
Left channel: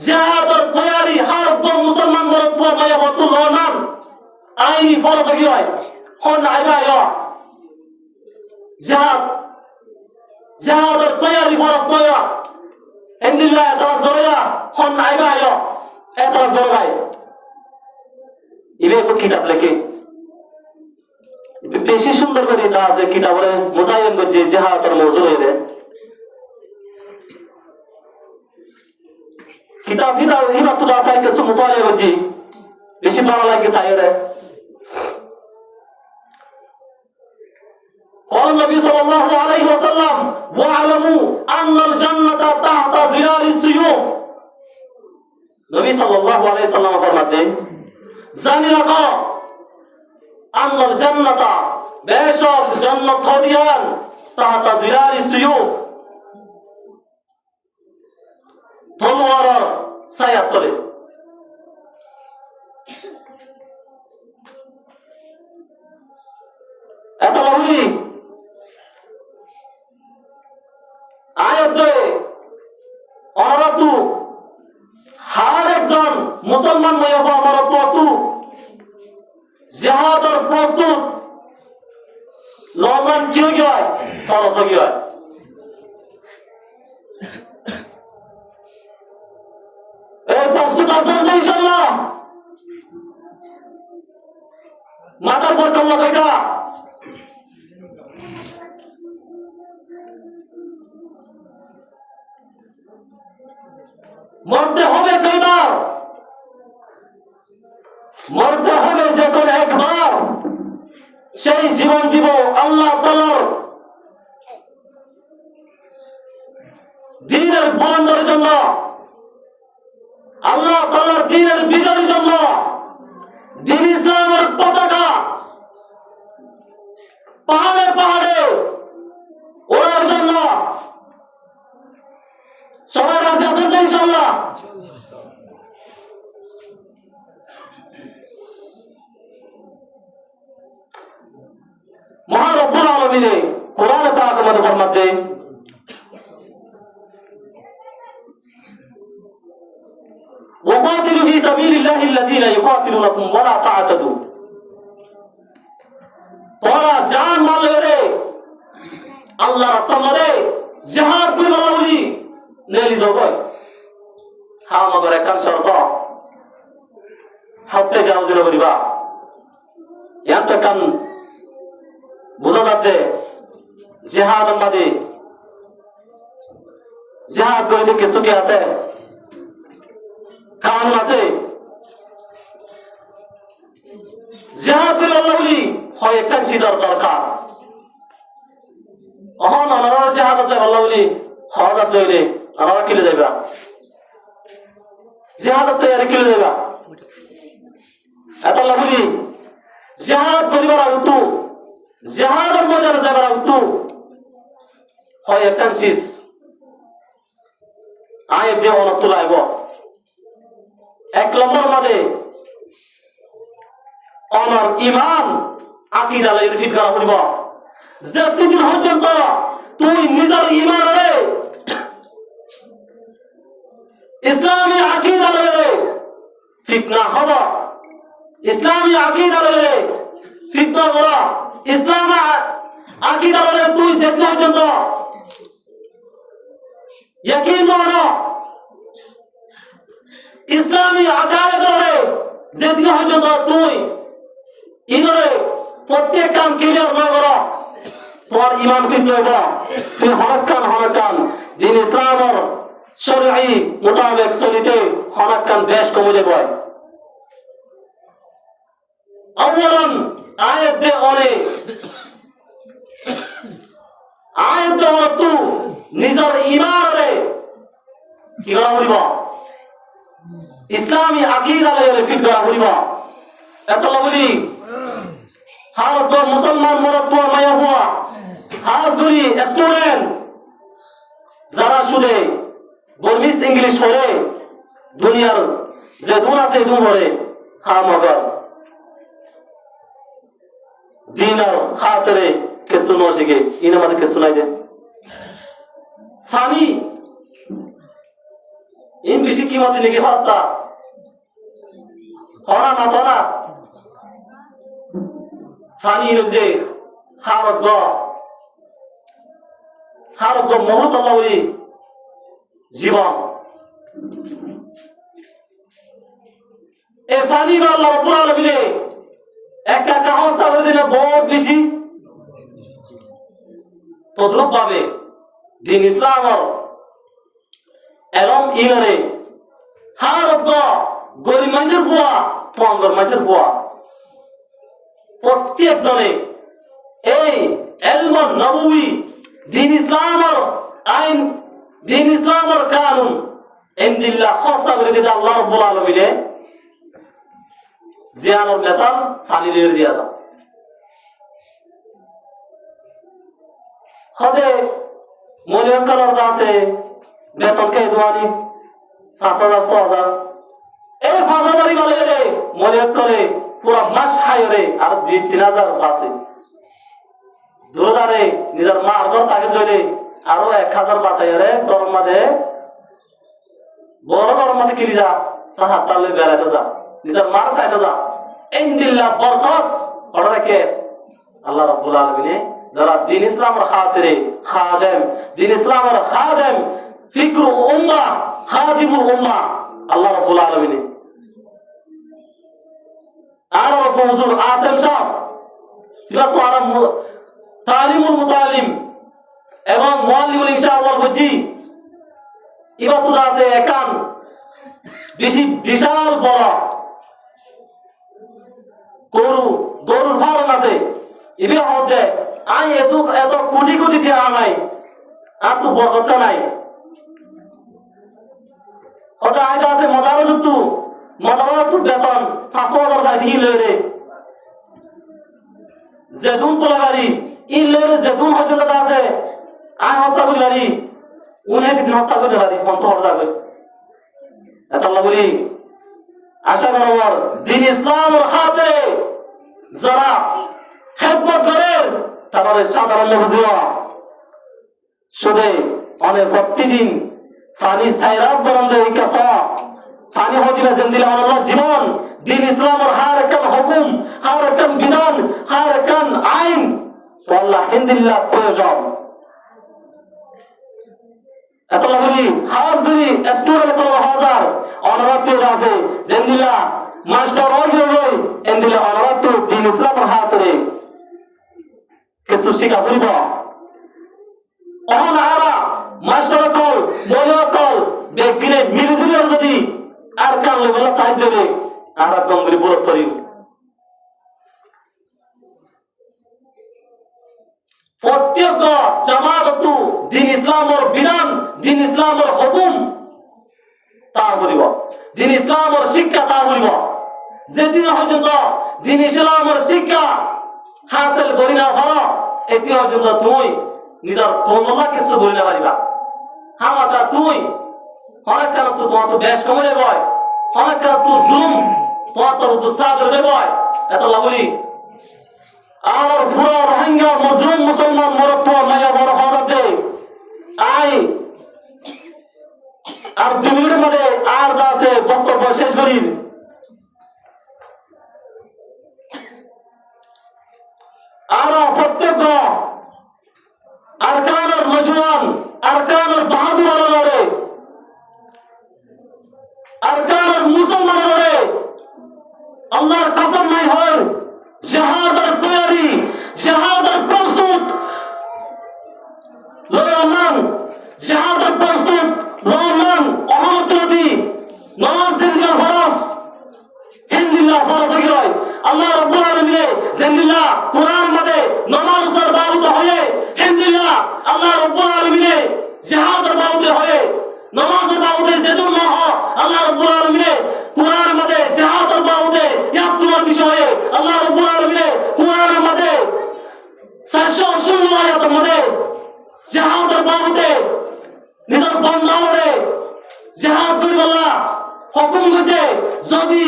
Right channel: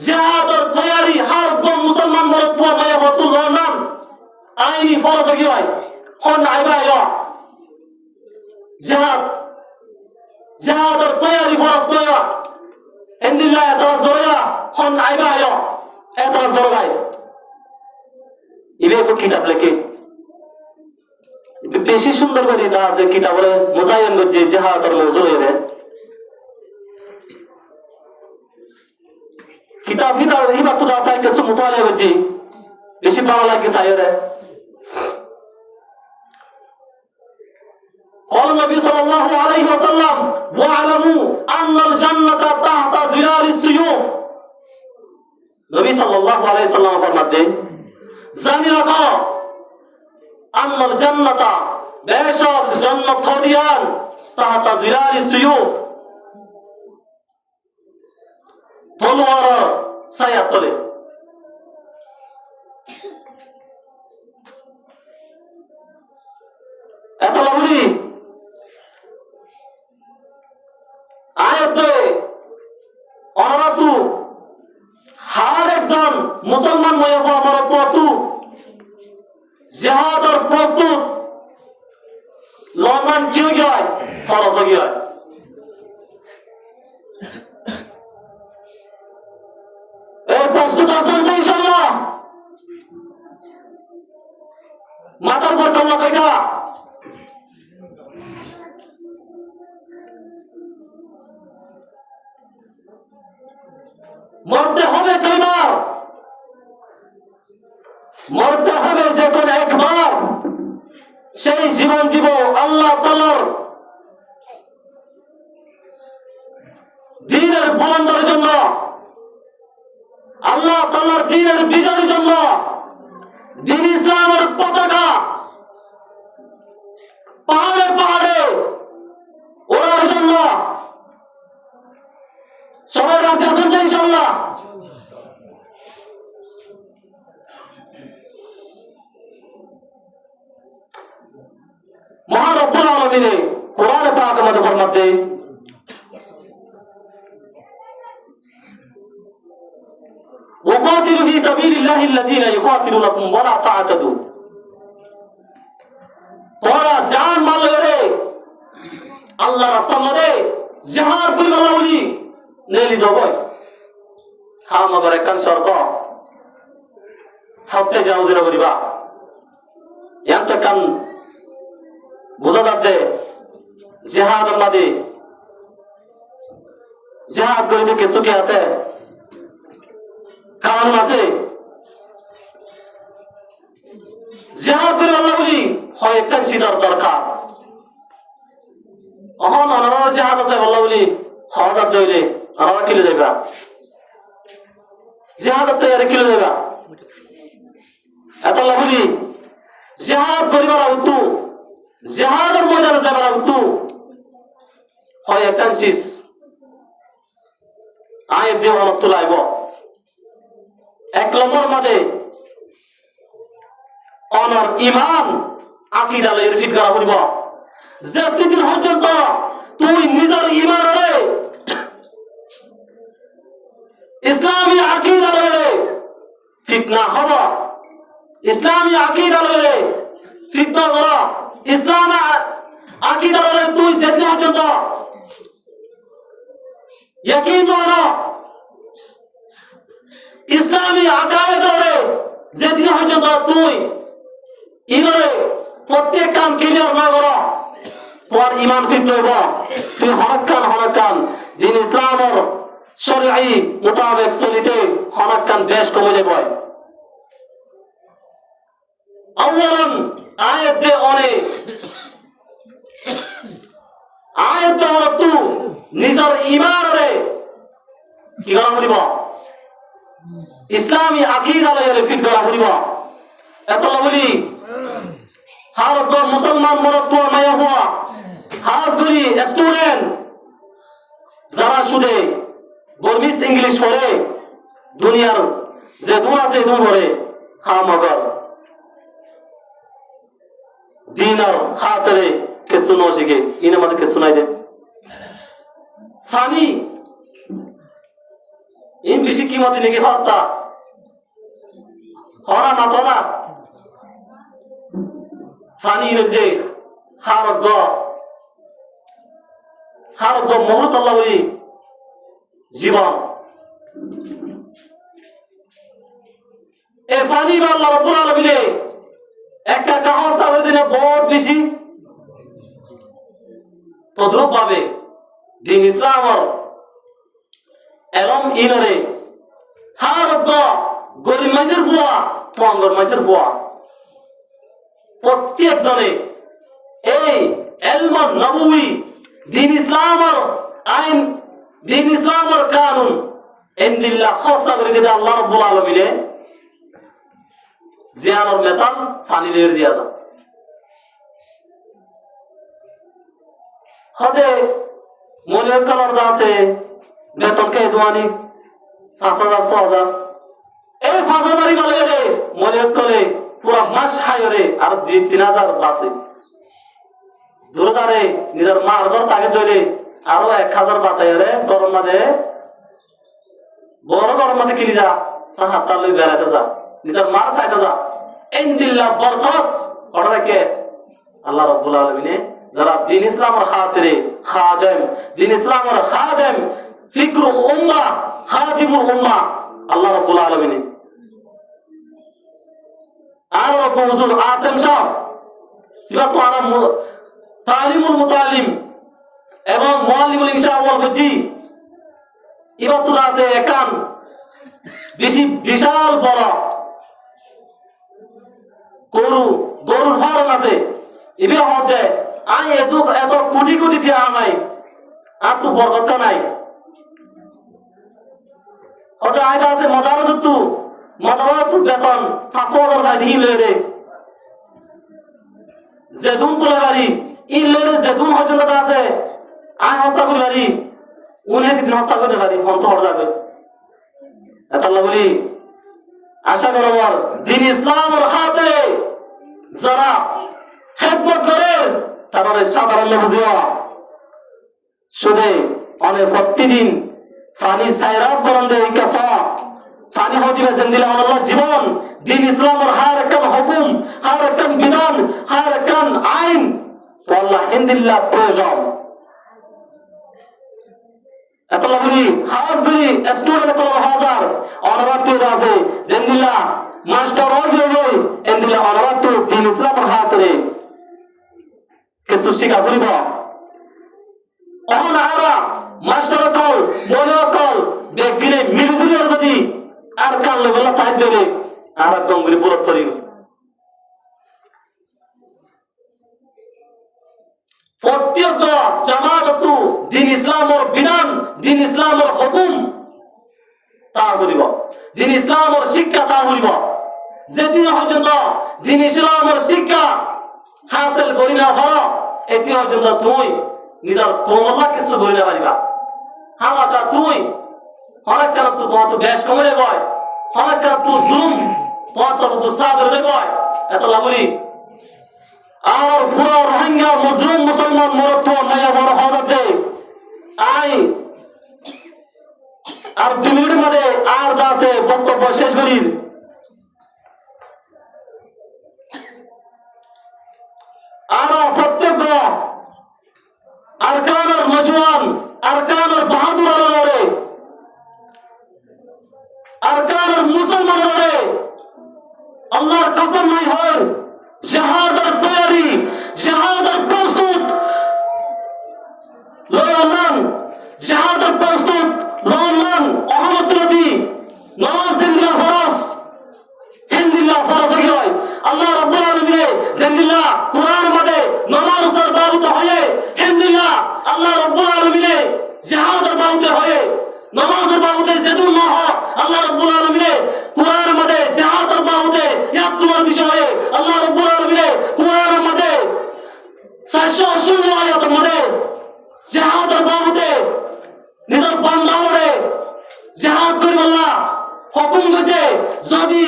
জিহাদের তৈরি হার কোন মুসলমান মরত মায়া বতুল নাম আইনি ফরজ হয়ে হয় হন আইবায়া জিহাদের তৈরি ফরজ মায়া ইন্দিল্লাহ তাওয়াজ করা হন আইবায়া এতজ করবাই ইবে তো কিতাব লেখে বেশি সুন্দর করে দেওয়া আছে কিতাবে মোজাইন যে জিহাদের মওজু এর কিতাব এই বাত তো আছে কিছু মুতালে বজি বেশি ভালো লাগে সাইরে قال النبي صلى الله عليه وسلم واعلموا ان الجنه تحت ظلال السيوف নবী সাল্লাল্লাহু আলাইহি সাল্লাম ফরমাতেন জানি রাখো আমার জান্নাতা বেশক জান্নাত হদিয়ান তাহতা জিলালি সুয়ুফ তলোয়ার ছায়া তলে এত বলি আয়াতে অনারাতু হার একজন মুসলমান হয়ে হওয়া অনারাতু জিহাদের প্রস্তুত লমান কি গয়া ফরজ হয়ে গয়া এই প্রস্তুত আছেন ইনশাআল্লাহ মাথার পর কমা বেটা মরতে হবে কয়বার মরতে হবে যে কোন একবার সেই জীবন দিব আল্লাহ তাআলার দ্বীনের বন্ধের জন্য আল্লাহ তাআলার দ্বীনের বিজয়ের জন্য দিন ইসলামের পতাকা পাহাড়ে পাহাড়ে ওড়ার জন্য সবাই রাজি আছেন তো ইনশাআল্লাহ? মহান রব্বুল আলামিন কোরআনে পাকের মধ্যে ফরমাতে وقاتلوا في سبيل الله الذين يقاتلونكم ولا تعتدوا তোরা জান মারলে রে আল্লাহ রাস্তা মারে জিহাদ করি বলা বলি নেলি যাব হাম মগরে কান শর্ত হাতে যাও জেরা বলিবা ইয়াতে কান বুঝাতে জিহাদ মাদে জিহাদ করে কিছু কি আছে কারণ আছে জিহাদ করে আল্লাহ বলি হয় একটা সিজার দরকার অহন অনরা জিহাদ আছে আল্লাহ বলি হওয়ার দইলে আরা কিলে যাবে জিহাদ তো এর কিলে যাবে এত আল্লাহ বলি জিহাদ করিবার আউতু জিহাদের ময়দানে যাবার আউতু হয় একটা সিজ আয় দেহ তুলাইব এক নম্বর মাঝে অনর ইমান আকিদা লাগি ফিট করা বলব যতদিন পর্যন্ত তুই নিজের ইমান রে ইসলামী আকিদা লাগে ঠিক না হব ইসলামী আকিদা লাগে ঠিক না করা ইসলাম আকিদা লাগে তুই যেতে পর্যন্ত ইয়াকিন করো ইসলামী আকারে ধরে যেদিন পর্যন্ত তুই ইনরে প্রত্যেক কাম ক্লিয়ার না করো তোমার ইমান ফিট হইব তুই হরকান দিন ইসলামের শরঈ মোতাবেক চলিতে হরকান বেশ কমে যাবে আওয়ালান আয়াত দে অনে আয়াত দে তু নিজের ইমান রে কি করা বলিব ইসলামী আকিদা লয়ে ফিট করা বলিব এত বলি হার তো মুসলমান মরদ তো মায়া হওয়া হাজ করি স্টুডেন্ট যারা শুধু বর্মিস ইংলিশ পড়ে দুনিয়ার যে দুন আছে দুন পড়ে হা মগর দিনার হাতরে কিছু ন শিখে ইনা আমাদের কিছু নাই দে ফানি ইংলিশে কি মতে লিখে ফাস্তা হরা না তো না ফানি দে হারগ মহৎ আল্লাহ জীবন এ ফানি বা আল্লাহ রাব্বুল আলামিন একটা অবস্থা হয়ে দিলে বহুত বেশি তদ্রুপ ভাবে দিন ইসলাম এলম ইনরে হারগ গরিব মানুষের বুয়া পঙ্গর মানুষের বুয়া প্রত্যেক জনে এই এলম নবুই দিন ইসলামের আইন দিন ইসলামের কানুন ইনদিল্লাহ খাসা করে দিদা আল্লাহ রাব্বুল আলামিন জিয়ানোর মেসাল ফানিলের দিয়া যা হদে মনে করার আছে বেতনকে দোয়ানি 5,000 এই 5,000 বলে গেলে মনে করে পুরো মাস খাইরে আর 2-3,000 বাঁচে দুরারে নিজের মা আদর তাকে ধরে আরো 1,000 বাঁচাইরে গরম মাঝে বড় গরম মাঝে কিনি যা সাহাতালে বেড়াতে যা নিজের মার চাইতে যা ইনদিল্লাহ বরকত করে রাখে আল্লাহ রাব্বুল আলামিন যারা দিন ইসলামের খাতিরে খাদেম দিন ইসলামের খাদেম ফিকরুল উম্মাহ খাদিমুল উম্মাহ আল্লাহ রাব্বুল আলামিন আর হুজুর আসেম সাহেব সিবাত আলম তালিমুল মুতালিম এবং মুআল্লিমুল ইনশা ওয়াল ফজি ইবাতুল আছে একান বেশি বিশাল বড় গরু ফার্ম আছে ইবি হতে আই এত কোটি কোটি টাকা নাই আর তো বরকত নাই হতে আইদা আছে মজার যুক্ত মতামত বেতন 500 গাড়ি লয়ে যেদুন তোলা গাড়ি লয়ে যেদুন হজরত আছে আয় হস্তা গাড়ি উনি দিন হস্তা করে গাড়ি কন্ট্রোল যাবে এটা বলি আশা করব দিন ইসলামের হাতে যারা খেদমত করে তারপরে সাধারণ লোক জিয়া শুধু অনেক প্রতিদিন পানি সাইরাত গরম দেয় কেসা পানি হদিলে জিন্দিলা আল্লাহ জীবন দিন ইসলামের হার কান হুকুম হার কান বিধান হার কান আইন তো আল্লাহ হিন্দিল্লাহ প্রয়োজন এত লাগি হাওয়াজ করি স্টুডেন্ট কোন হাজার অনুরাত আছে জিন্দিলা মাস্টার হই এন্দিলা অনুরাত দিন ইসলামের হাতে কিছু শিখা বলিব অহন আরা মাস্টার কল মনে কল বেগিনে মিলজুলি যদি আর কাম লেভেল সাইড দেবে আরা কমগুলি বলত করি প্রত্যেক জামাত দিন ইসলামের বিধান দিন ইসলামের হুকুম তা বলিব দিন ইসলামের শিক্ষা তা বলিব যেদিন পর্যন্ত দিন ইসলামের শিক্ষা হাসিল করি না হও এটি পর্যন্ত তুই নিজের কমলা কিছু করি না পারিবা হামাতা তুই অনেক কেন তো তোমার তো বেশ কমে দেব অনেক কেন তো জুলুম তোমার তো সাদর দেব এত লাগলি আর পুরো রোহিঙ্গা মুসলিম মুসলমান মরত মায়া বড় হতে আই আর 2 মিনিট মধ্যে আর দাসে বক্তব্য শেষ করি আর প্রত্যেক আরকানুল মজওয়ান আরকানুল বাহাদুর আলারে আরকানুল মুসলমান আলারে আল্লাহর কসম নাই হয় শাহাদাত তৈরি শাহাদাত প্রস্তুত লয়মান শাহাদাত প্রস্তুত লয়মান অহমত নবী নামাজ জিন্দা ফরজ হিন্দিল্লাহ ফরজ হয় আল্লাহ রাব্বুল আলামিন জিন্দিল্লাহ কুরআন মধ্যে নামাজ সর বাবুত হয়ে হিন্দিল্লাহ আল্লাহ রাব্বুল আলামিন শাহাদাত বাবুত হয়ে নামাজের বাবুতে যেদুন না হয় আল্লাহ রাব্বুল আলামিন কুরআন মধ্যে শাহাদাত বাবুতে ইয়াতুল বিষয়ে আল্লাহ রাব্বুল আলামিন কুরআন মধ্যে 680 আয়াত মধ্যে শাহাদাত বাবুতে নিজের বান্দারে জাহাদ করি আল্লাহ হুকুম করতে যদি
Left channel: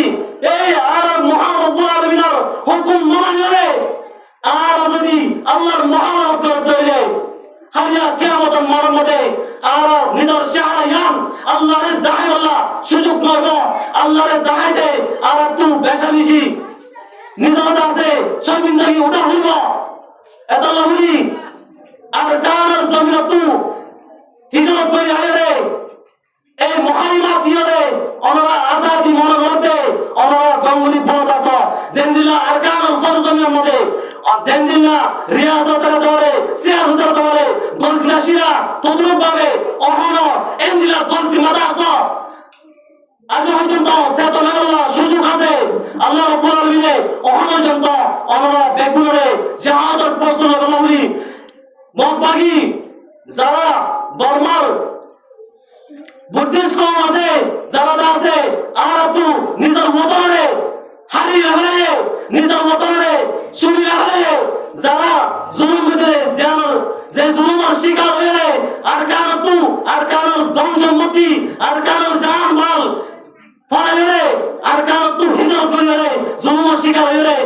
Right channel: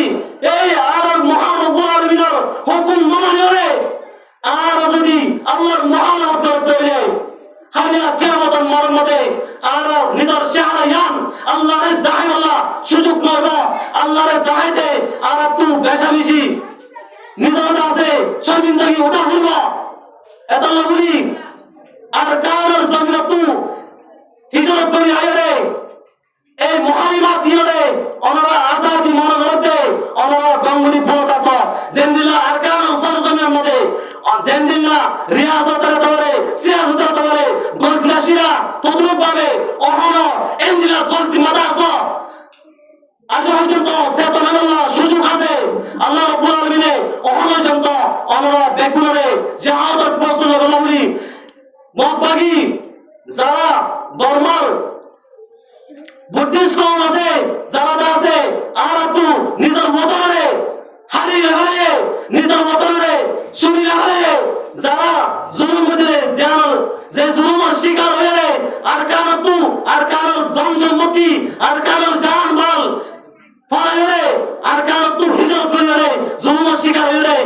এই আর মহান রব্বুল আলামিনের হুকুম মানে আর যদি আল্লাহর মহানত করতে হলে হাইয়া কিয়ামতের মরমতে আর নিজের শাহরায়ান আল্লাহর দায় আল্লাহ সুযোগ করব আল্লাহর দায়তে আর তুই বেশামিশি নিজের আছে শর্মিন্দগি ওটা হইব এত লাগলি আর কার জমিন তুই হিজরত করি আয়রে এই মহাইমাত দিয়রে অনরা আজাদি মনে করতে অনরা গঙ্গুলি পথ আছে জেন্দিলা আরকানুল সরজমিনের মধ্যে জেন্দিলা রিয়াজতের ধরে সিয়াসতের ধরে গলগ্লাসিরা তদরূপ ভাবে অহন এন্দিলা গলতি মাদা আছে আজ পর্যন্ত সেত লেভেলা সুযোগ আছে আল্লাহ রাব্বুল আলামিন অহন পর্যন্ত অনরা বেগুনরে জাহাদত প্রস্তুত বলাবলি মতবাগী যারা বর্মার বুদ্ধিস্ট কম আছে যারা আছে আর তু নিজের মতরে হারিয়ে হারিয়ে নিজের মতরে শুনিয়ে হারিয়ে যারা জুলুম করতে জানার যে জুলুমের শিকার হয়ে আর কারণ ধন সম্পত্তি আর কারণ জান মাল ফলে আর কারণ তু হিজরত করে জুলুমের শিকার হয়ে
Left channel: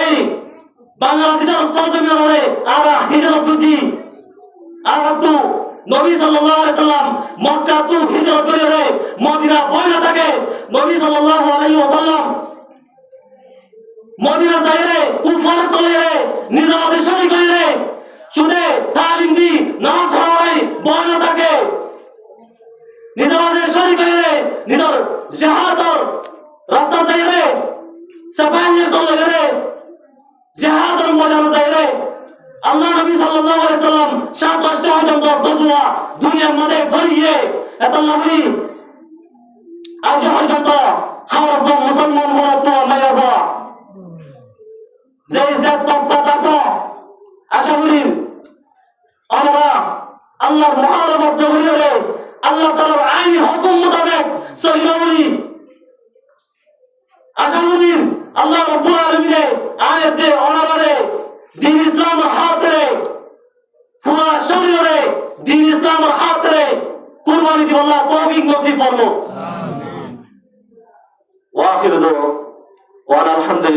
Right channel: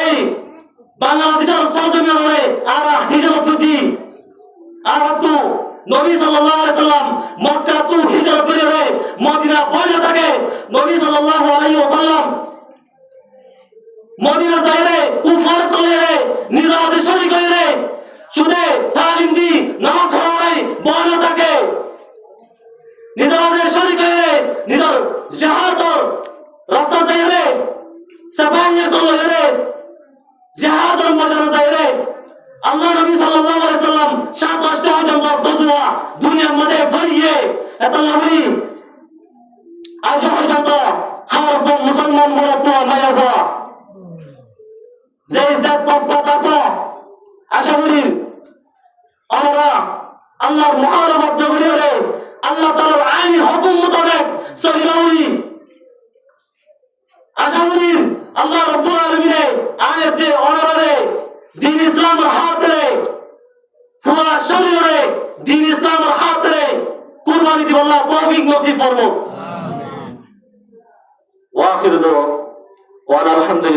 এই বাংলাদেশের সহযোগিতা করে আর হিজরত করছি আর তু নবী সাল্লাল্লাহু আলাইহি সাল্লাম মক্কা তু হিজরত করে মদিনা বইলা থাকে নবী সাল্লাল্লাহু আলাইহি ওয়াসাল্লাম মদিনা যাইরে কুফার কইরে নিজাদের শরীক কইরে সুদে তালিম দি নামাজ পড়াই বইলা থাকে নিজাদের শরীক কইরে নিজের জিহাদর রাস্তা যাইরে সাবাইয়ে কইরে জিহাদর ময়দান যাইরে আল্লাহ নবী সাল্লাল্লাহু আলাইহি সাল্লাম 27টা পর্যন্ত গজওয়া দুনিয়ার মধ্যে গড়িয়ে এত লাগি আজ পর্যন্ত হাওয়া মুসলমান বলা তো মায়াবা যে তকবাত আছে আশা করি আমরা আল্লাহর মুহাররত জগিরে আল্লাহ তাআলার আইন হুকুম মোতাবেক সহিবাউলি আশা করি আল্লাহ রাব্বুল আলামিনে আয়াতে অনারে দিন ইসলামের হাতে পুরা শরীরে দিন ইসলামের হাতে কুরবানি দিব আল্লাহ তৌফিক নসিব করুন। ওয়া আখিরু ওয়া আলহামদুলিল্লাহ।